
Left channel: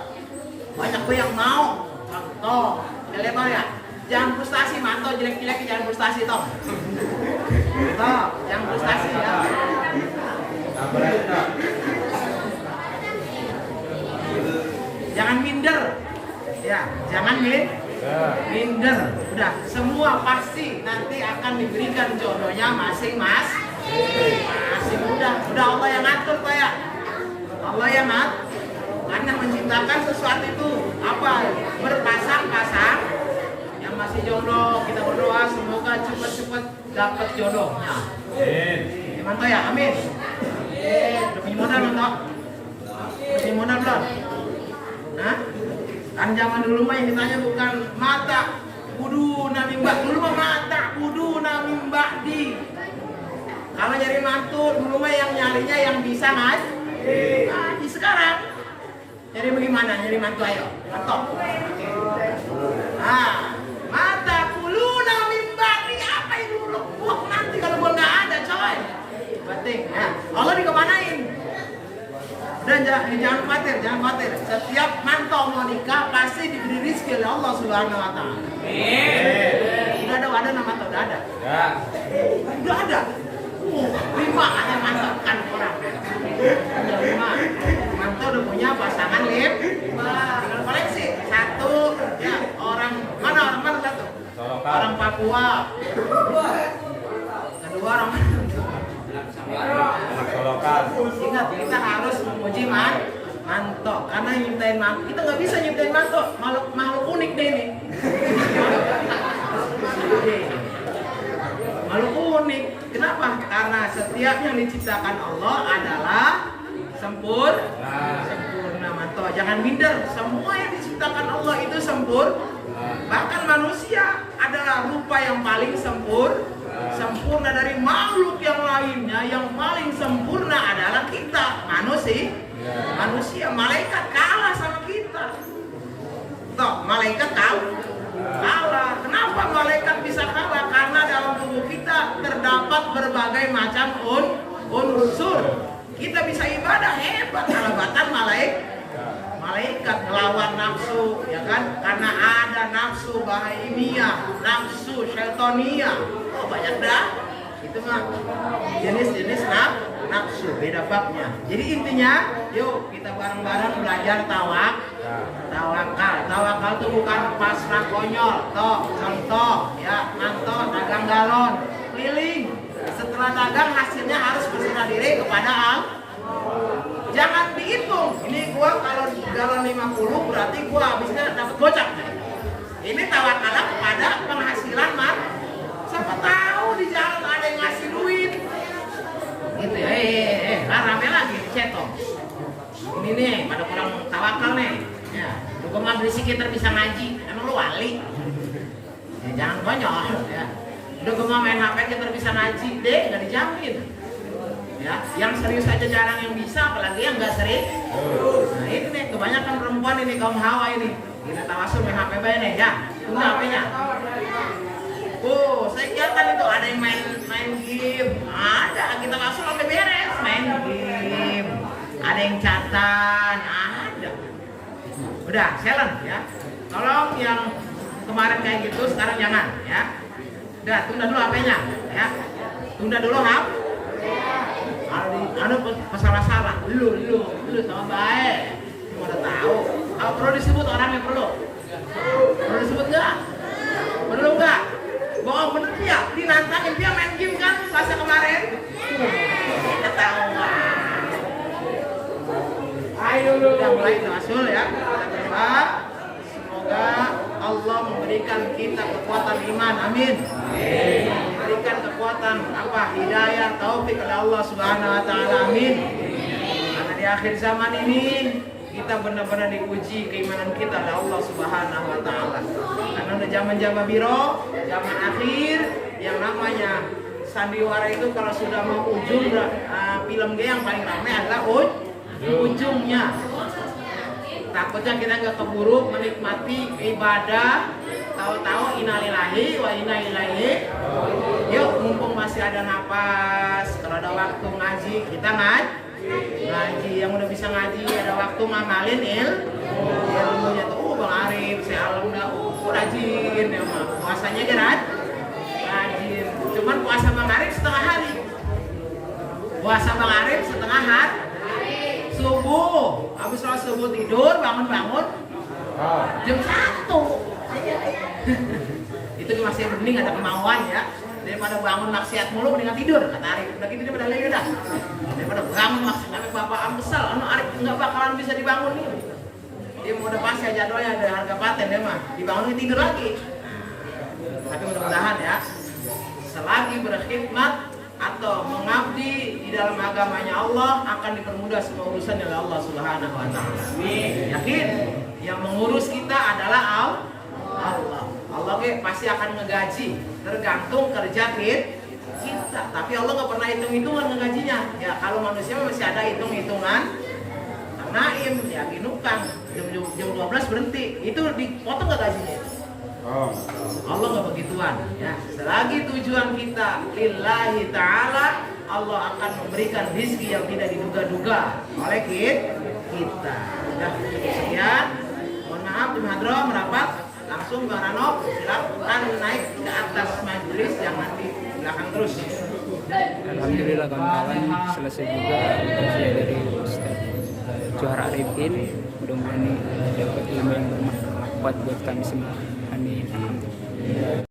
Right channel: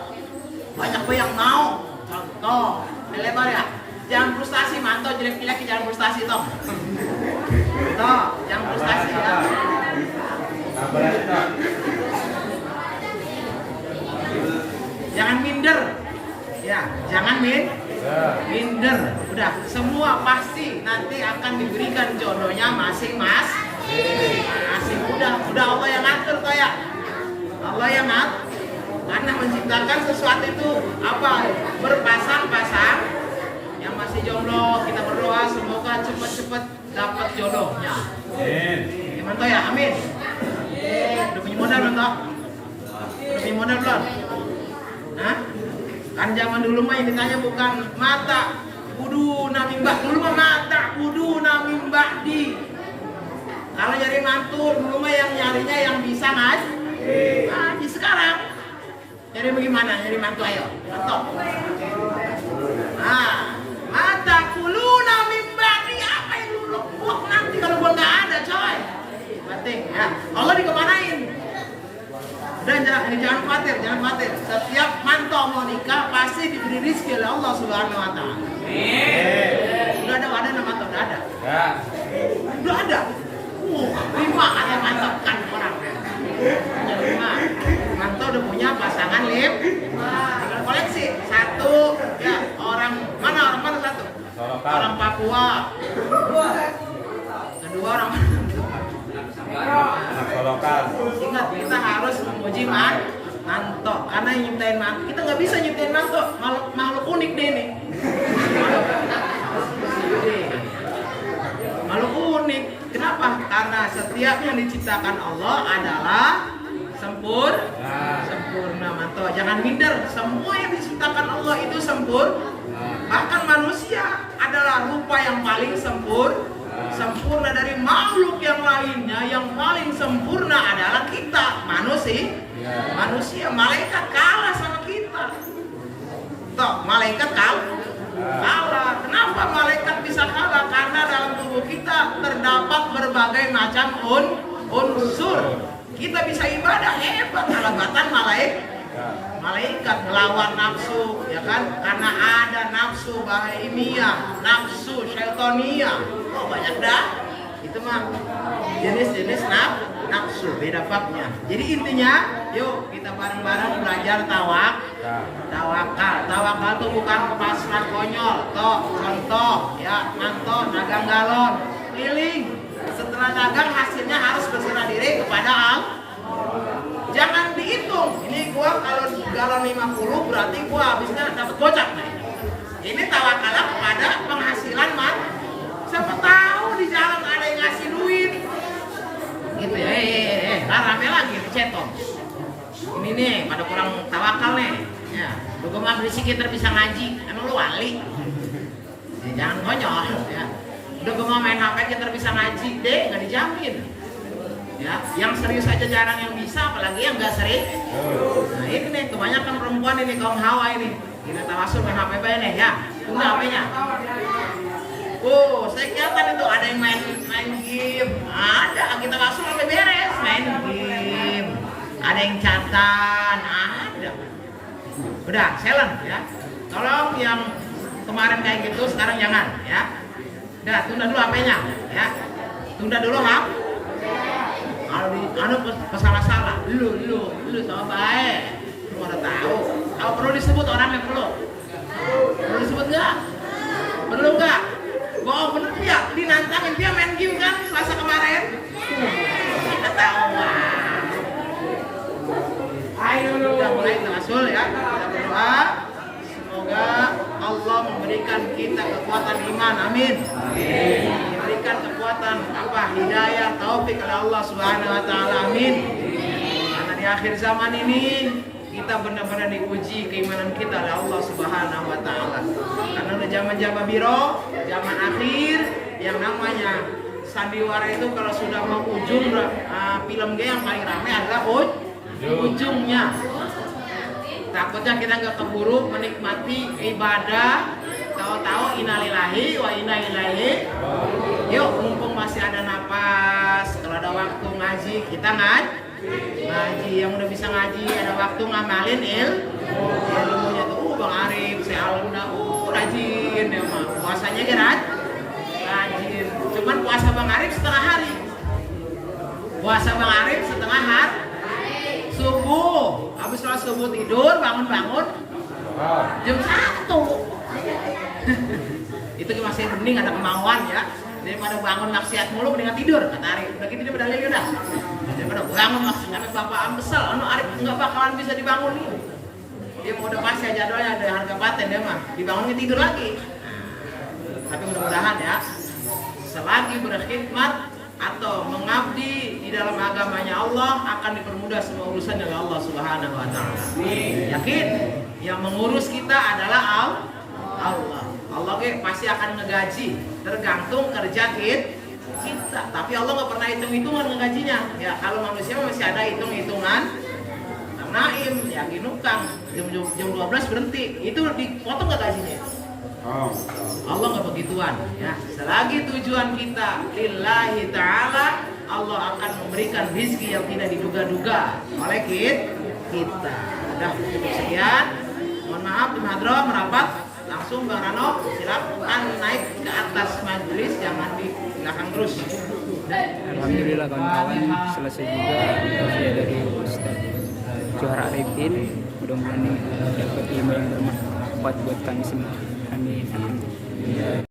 banyak gue yang mau. Contoh, lebar ya, jangan frustasi, mantau jelek-jelek, jangan frustasi toh. Toh, jangan frustasi ya. Jangan minder, ya, jangan minder. Udah, semua pasti nanti akan diberikan jodohnya masing-masing. Udah Allah yang ngatur kayak Allah yang ngatur. Karena menciptakan sesuatu itu apa? Berpasang-pasang. Yang masih jomblo, kita berdoa semoga cepat-cepat dapat jodohnya. Amin. Mantap ya, amin. Udah punya modal belum toh? Udah punya modal belum? Hah? Kan zaman dulu mah yang ditanya bukan mata kudu namimbak, dulu mah mata kudu namimbakdi. Kalau nyari mantu dulu mah yang nyarinya yang bisa ngaji. Sekarang nyari bagaimana? Nyari mantu ayo, atau? Mata kudu namimbakdi apa yang dulu? Nanti kalau gua nggak ada coy. Bating. Ya, Allah dikemanain? Dan jangan khawatir. Setiap mantau mau nikah pasti diberi rezeki oleh Allah Subhanahu wa ta'ala. Udah ada nama atau udah ada? Ya. Udah ada. 5 ada mantaukan orang. Punya 5. Mantau udah punya pasangan tinggal koleksi. 1 ya, orang mana satu? Orang Papua. Kedua orang lokal. Ingat, kita harus memuji manto, karena nyiptain manto. Kita nggak bisa nyiptain manto, makhluk unik deh ini. Makhluk unik. Kenapa? Karena setiap yang diciptakan Allah adalah sempurna manto. Jangan minder. Semua yang diciptakan Allah itu sempurna. Bahkan manusia adalah rupa yang paling sempurna dari makhluk yang lainnya. Yang paling sempurna adalah kita manusia. Malaikat kalah sama kita. Toh, malaikat kalah. Kenapa malaikat bisa kalah? Karena dalam tubuh kita terdapat berbagai macam unsur. Kita bisa ibadah hebat, kalahbatan malaikat ngelawan nafsu, ya kan? Karena ada nafsu bahimiyah, nafsu syaitonia. Oh, banyak dah. Itu mah jenis-jenis nafsu, beda babnya. Jadi intinya, yuk kita bareng-bareng belajar tawakal. Tawakal itu bukan pasrah konyol. Toh, contoh ya, manto dagang galon, keliling. Setelah dagang hasilnya harus berserah diri kepada Allah. Jangan dihitung. Ini gua kalau galon 50 berarti gua habisnya dapat gocap. Ini tawakal kepada penghasilan siapa tahu di jalan ada yang ngasih duit. Gitu ya. Rame lagi cetok. Ini nih pada kurang tawakal nih. Ya, lu mah berisik kita bisa ngaji. Emang lu wali? Ya, jangan konyol ya. Udah gue mau main HP kita bisa ngaji deh, nggak dijamin. Ya, yang serius aja jarang yang bisa, apalagi yang nggak serius. Nah ini nih, kebanyakan perempuan ini kaum hawa ini. Kita tawasul main HP banyak nih ya, tunggu HP-nya. Saya kelihatan itu ada yang main game, ada kita langsung sampai beres main game. Ada yang catatan, ada. Udah, silent ya. Tolong yang kemarin kayak gitu sekarang jangan ya. Udah, tunda dulu HP-nya ya. Tunda dulu HP. Kalau salah-salah, dulu sama baik. Lu udah tahu. Kalau perlu disebut orangnya perlu disebut nggak? Perlu nggak? Bohong bener ya. Dinantangin dia main game kan Selasa kemarin. Kita tahu lah. Ayo udah mulai tawasul ya. Kita berdoa. Semoga Allah memberikan kita kekuatan kekuatan iman, amin. Diberikan kekuatan hidayah, taufik oleh Allah Subhanahu wa taala, amin. Karena di akhir zaman ini kita benar-benar diuji keimanan kita oleh Allah Subhanahu wa taala. Karena udah zaman-zaman biro, zaman akhir yang namanya sandiwara itu kalau sudah mau ujung film yang paling ramai adalah ujungnya. Takutnya kita nggak keburu menikmati ibadah, tahu-tahu innalillahi wa inna ilaihi. Yuk, mumpung masih ada napas, kalau ada waktu ngaji kita ngaji. Yang udah bisa ngaji ada waktu ngamalin ilmunya tuh. Bang Arif, saya alhamdulillah rajin ya mah. Puasanya rajin. Cuman puasa Bang Arif setengah hari. Puasa Bang Arif setengah hari. Subuh, habis sholat subuh tidur, bangun-bangun jam 1. Itu masih mending ada kemauan ya, daripada bangun maksiat mulu mendingan tidur, kata Arif. Udah gitu dia pada lagi udah, daripada bangun maksiat, tapi bapaan besar, Arif nggak bakalan bisa dibangun nih. Dia mau udah pasti jadwalnya ada harga paten dia mah, dibangun tidur lagi. Tapi mudah-mudahan ya, selagi berkhidmat atau mengabdi di dalam agamanya Allah akan dipermudah semua urusan oleh Allah Subhanahu wa taala. Yakin yang mengurus kita adalah Allah. Allah pasti akan ngegaji tergantung kerja kita. Tapi Allah nggak pernah hitung-hitungan ngegajinya. Ya kalau manusia masih ada hitung-hitungan. Naim ya ginukang jam 12 berhenti. Itu dipotong nggak gajinya? Allah nggak begituan ya. Selagi tujuan kita lillahi ta'ala, Allah akan memberikan rezeki yang tidak diduga-duga oleh kita. Udah sekian. Mohon maaf di hadroh merapat. Langsung Bang Rano silakan naik ke atas majelis, jangan di belakang terus. Alhamdulillah kawan-kawan, selesai juga usia dari Ustaz Johar Arifin. Mudah-mudahan ini dapat ilmu yang bermanfaat buat kami semua. Amin. Alhamdulillah.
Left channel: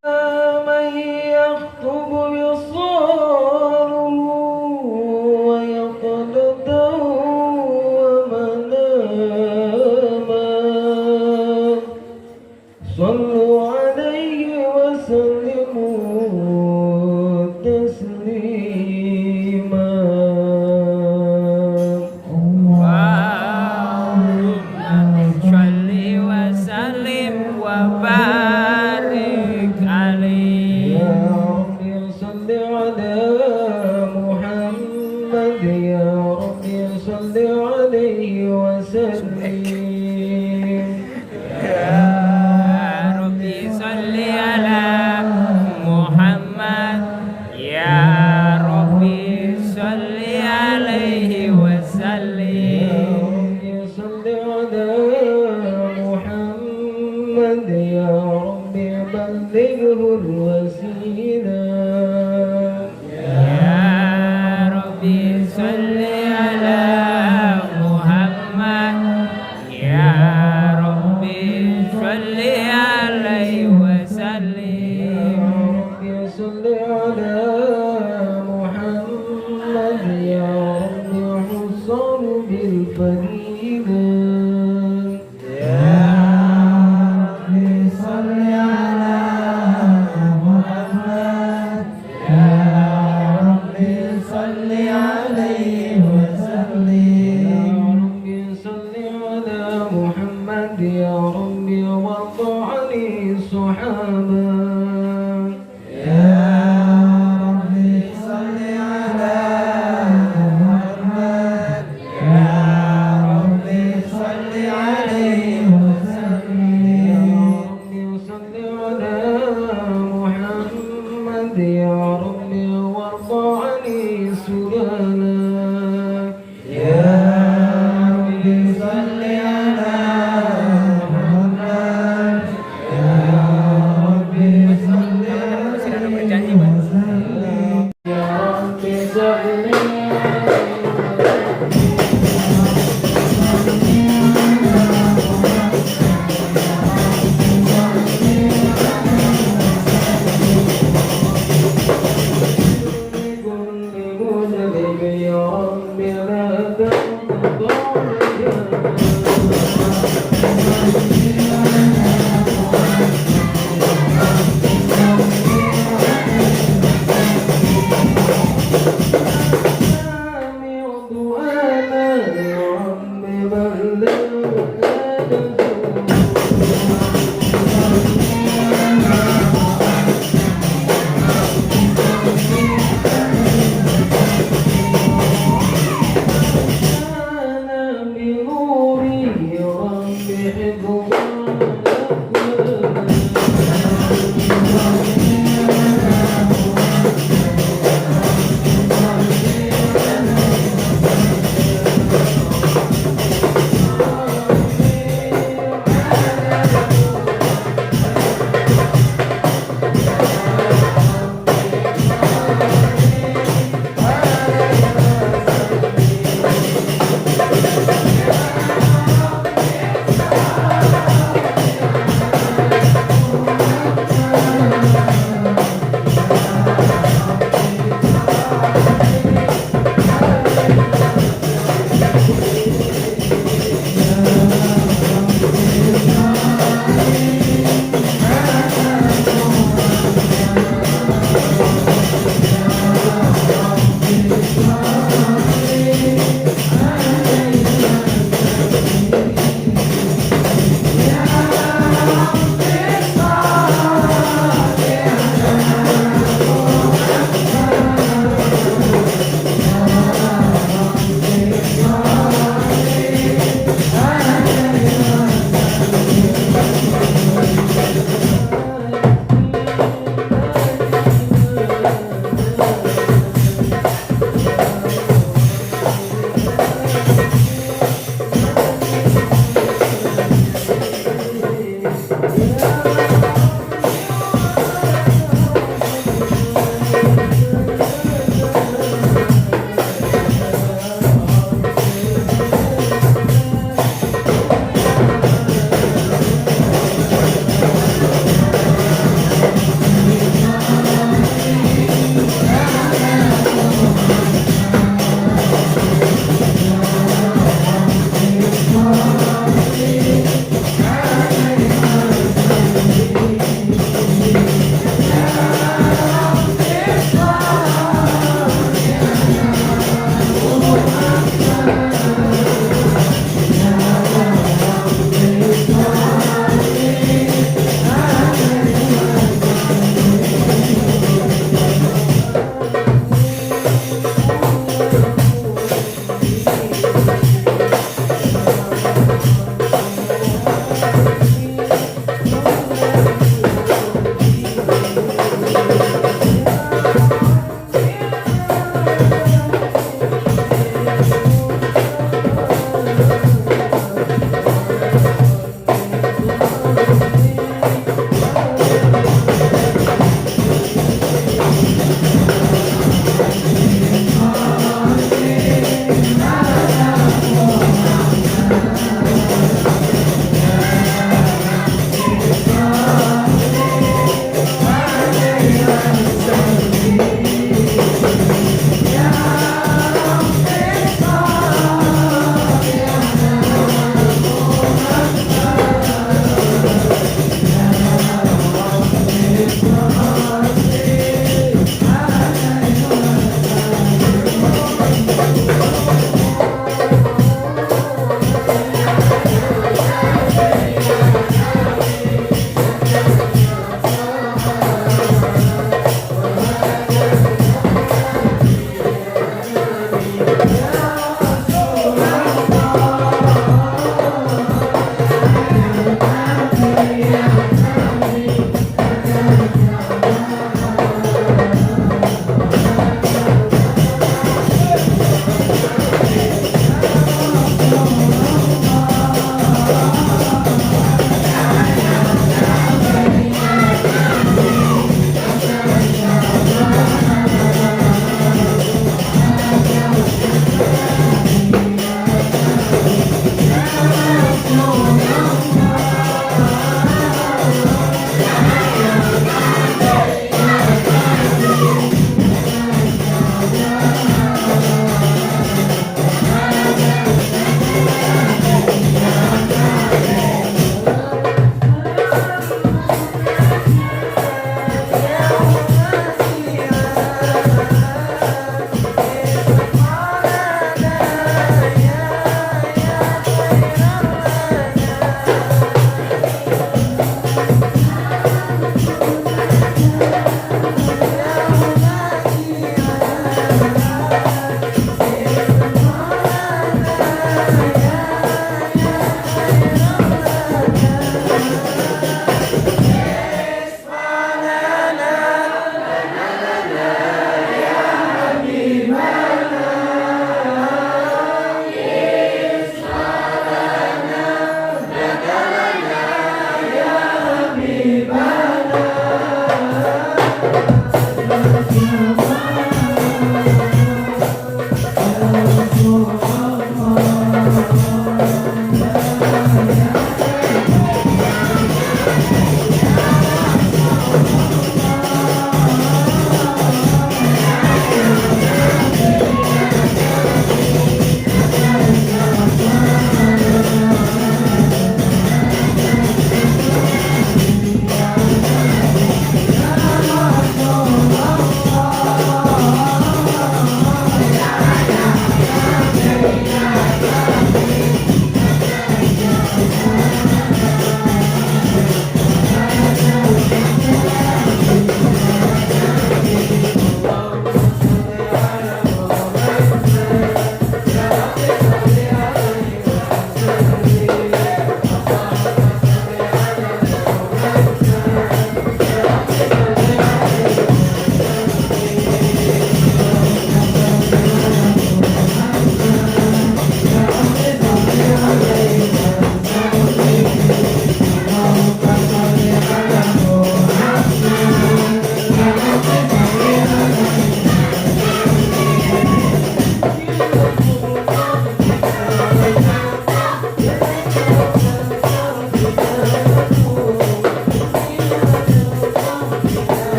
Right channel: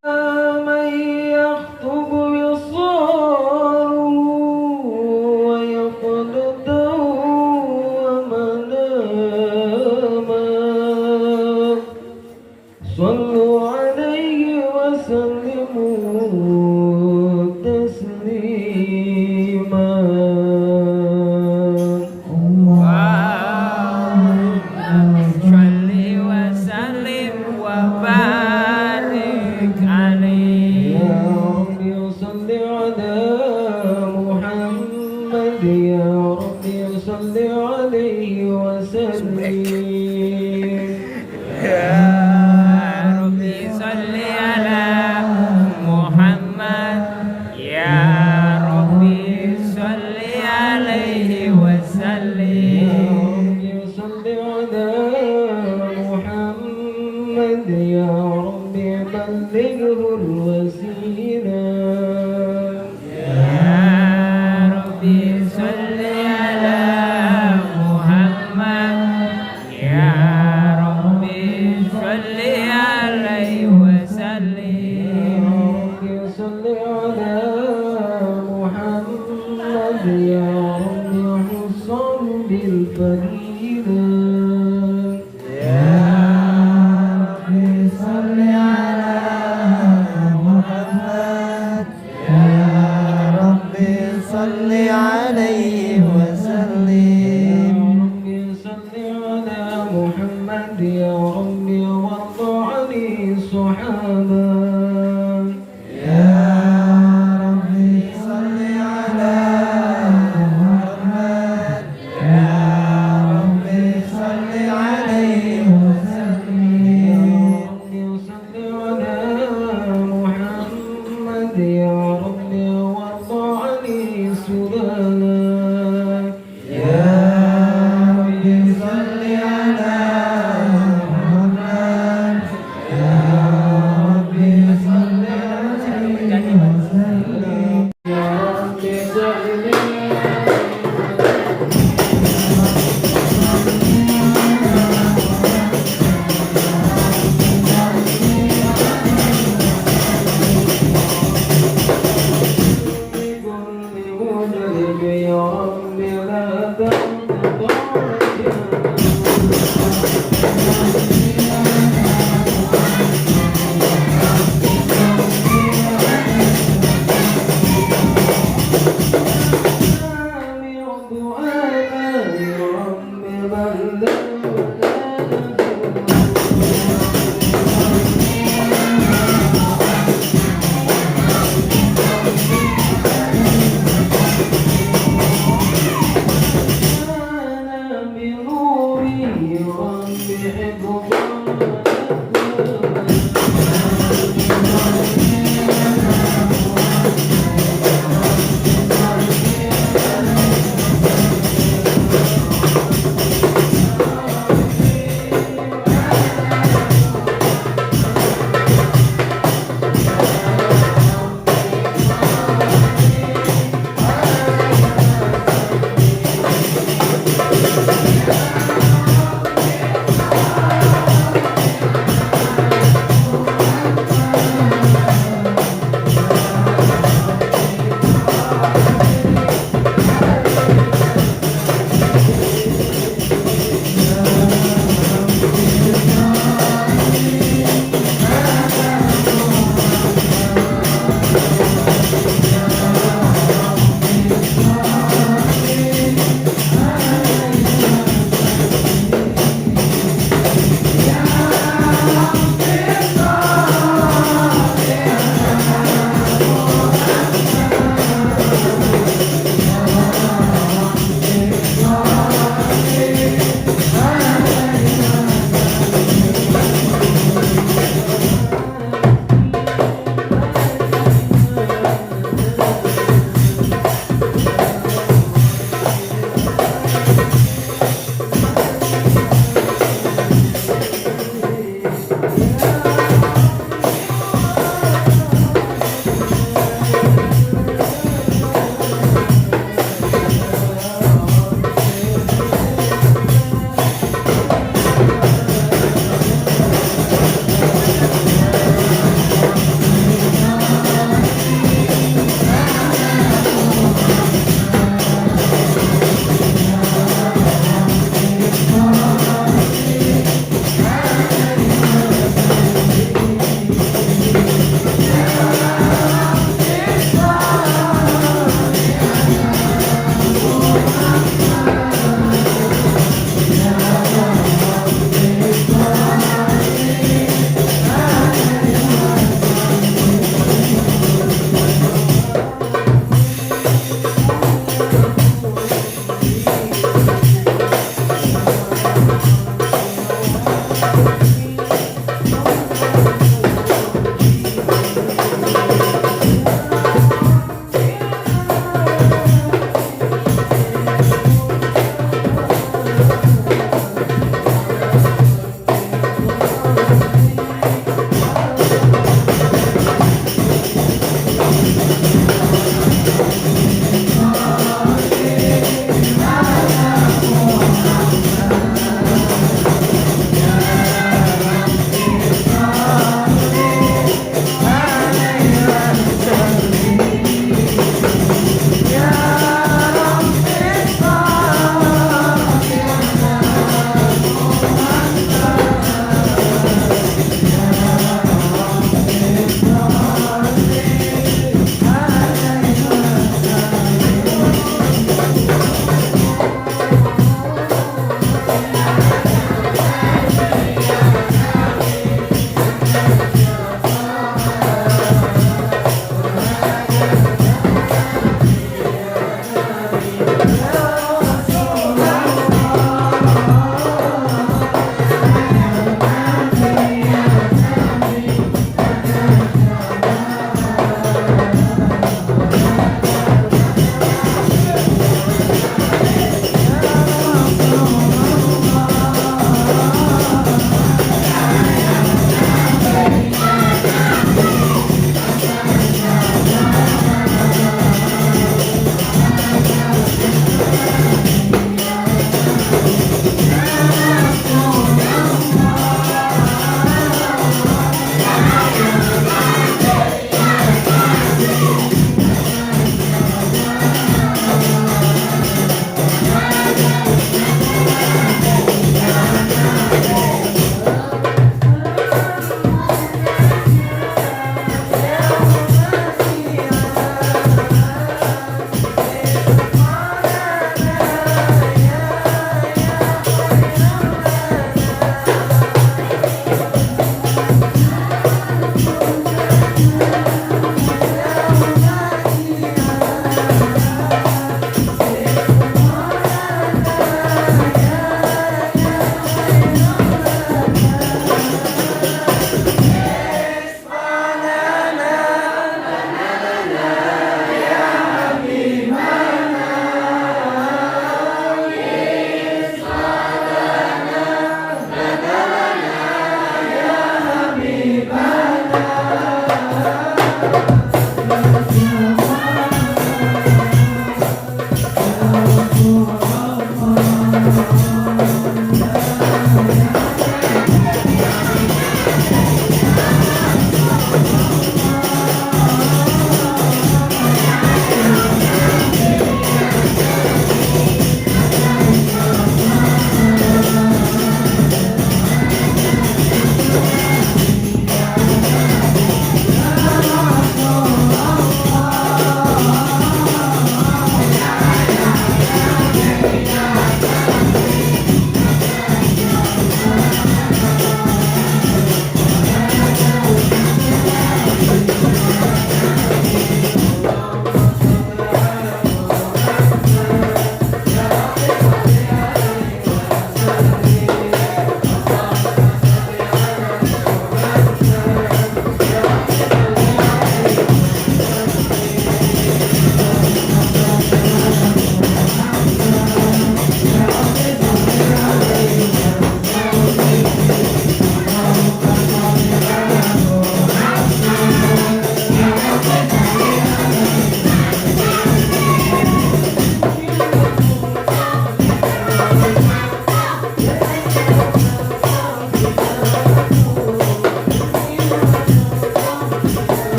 Rabbi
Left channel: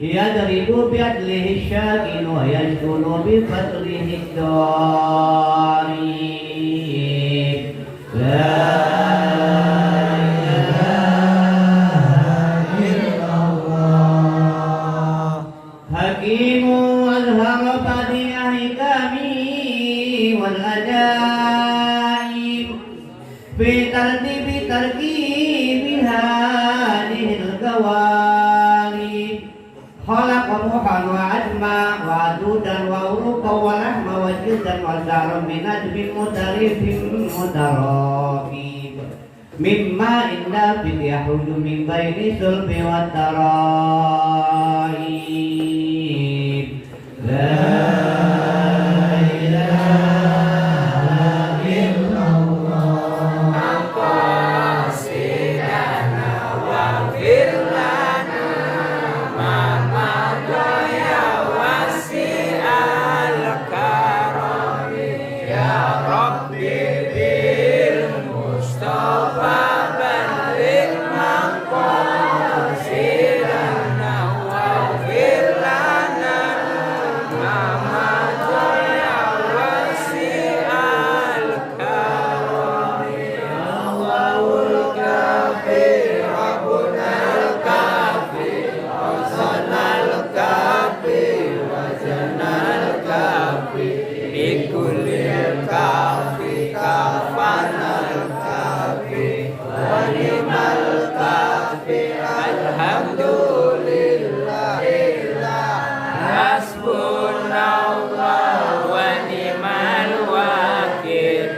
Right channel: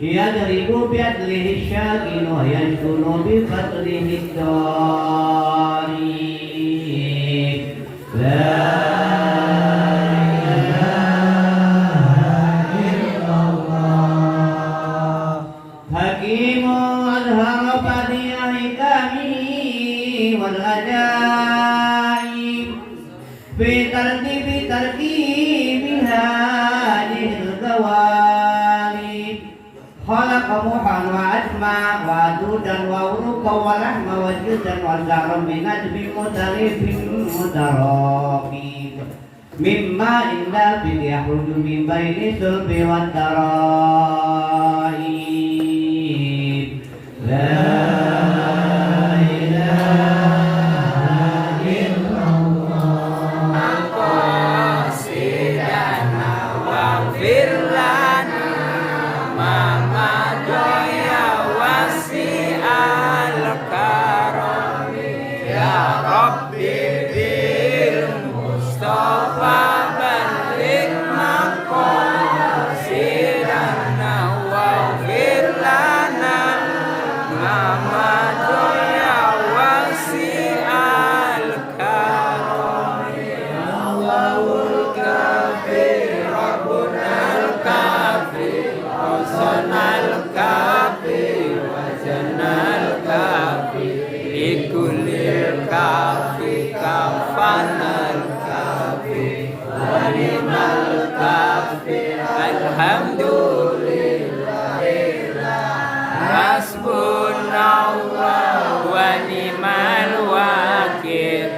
يضرب بعدله الشاكن ويسكن بفضله الضاري لا إله إلا الله حكيم أظهر بديع حكمه والعجائب في ترتيب تركيب هذه القوالب خلق موحا وعجما وعدودا وعروقا ولحما وجلدا وزهرا من نجم مترف متراكب مما إن دافئ يخرج من بين الصلب والترائب لا إله إلا الله قاصدنا واغفر لنا ما مضى يا واسع الكرم يا ربي بالمصطفى بلغ مقاصدنا واغفر لنا ما مضى يا واسع الكرم الله الكافي ربنا الكافي وصلنا الكافي وزنا الكافي لكل الكافي كفانا الكافي ونعم الكافي الحمد لله حسبنا الله ونعم الوكيل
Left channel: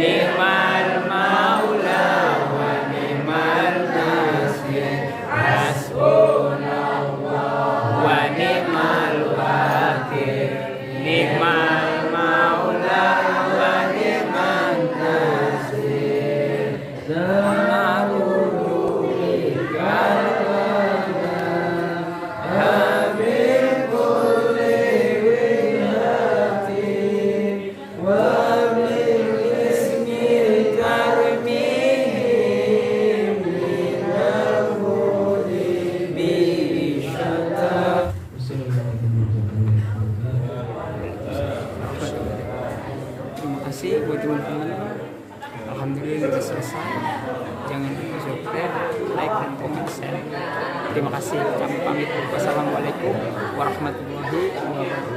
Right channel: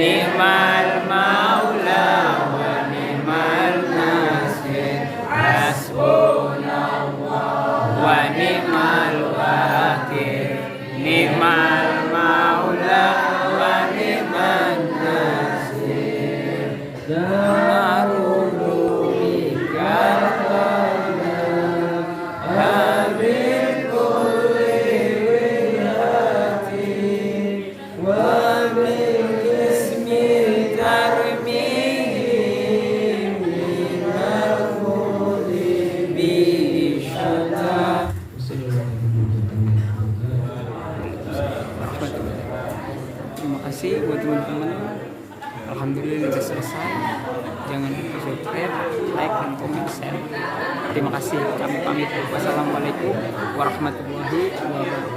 نعم المولى ونعم النصير حسبنا الله ونعم الوكيل نعم المولى ونعم النصير نعوذ بك من كل وجهة ومن اسم ترميم من المذنب شتى. Terima kasih buat teman-teman. Alhamdulillah sudah selesai. Jangan lupa subscribe, like, dan komen, share. Terima kasih. Kami pamit. Wassalamualaikum warahmatullahi wabarakatuh.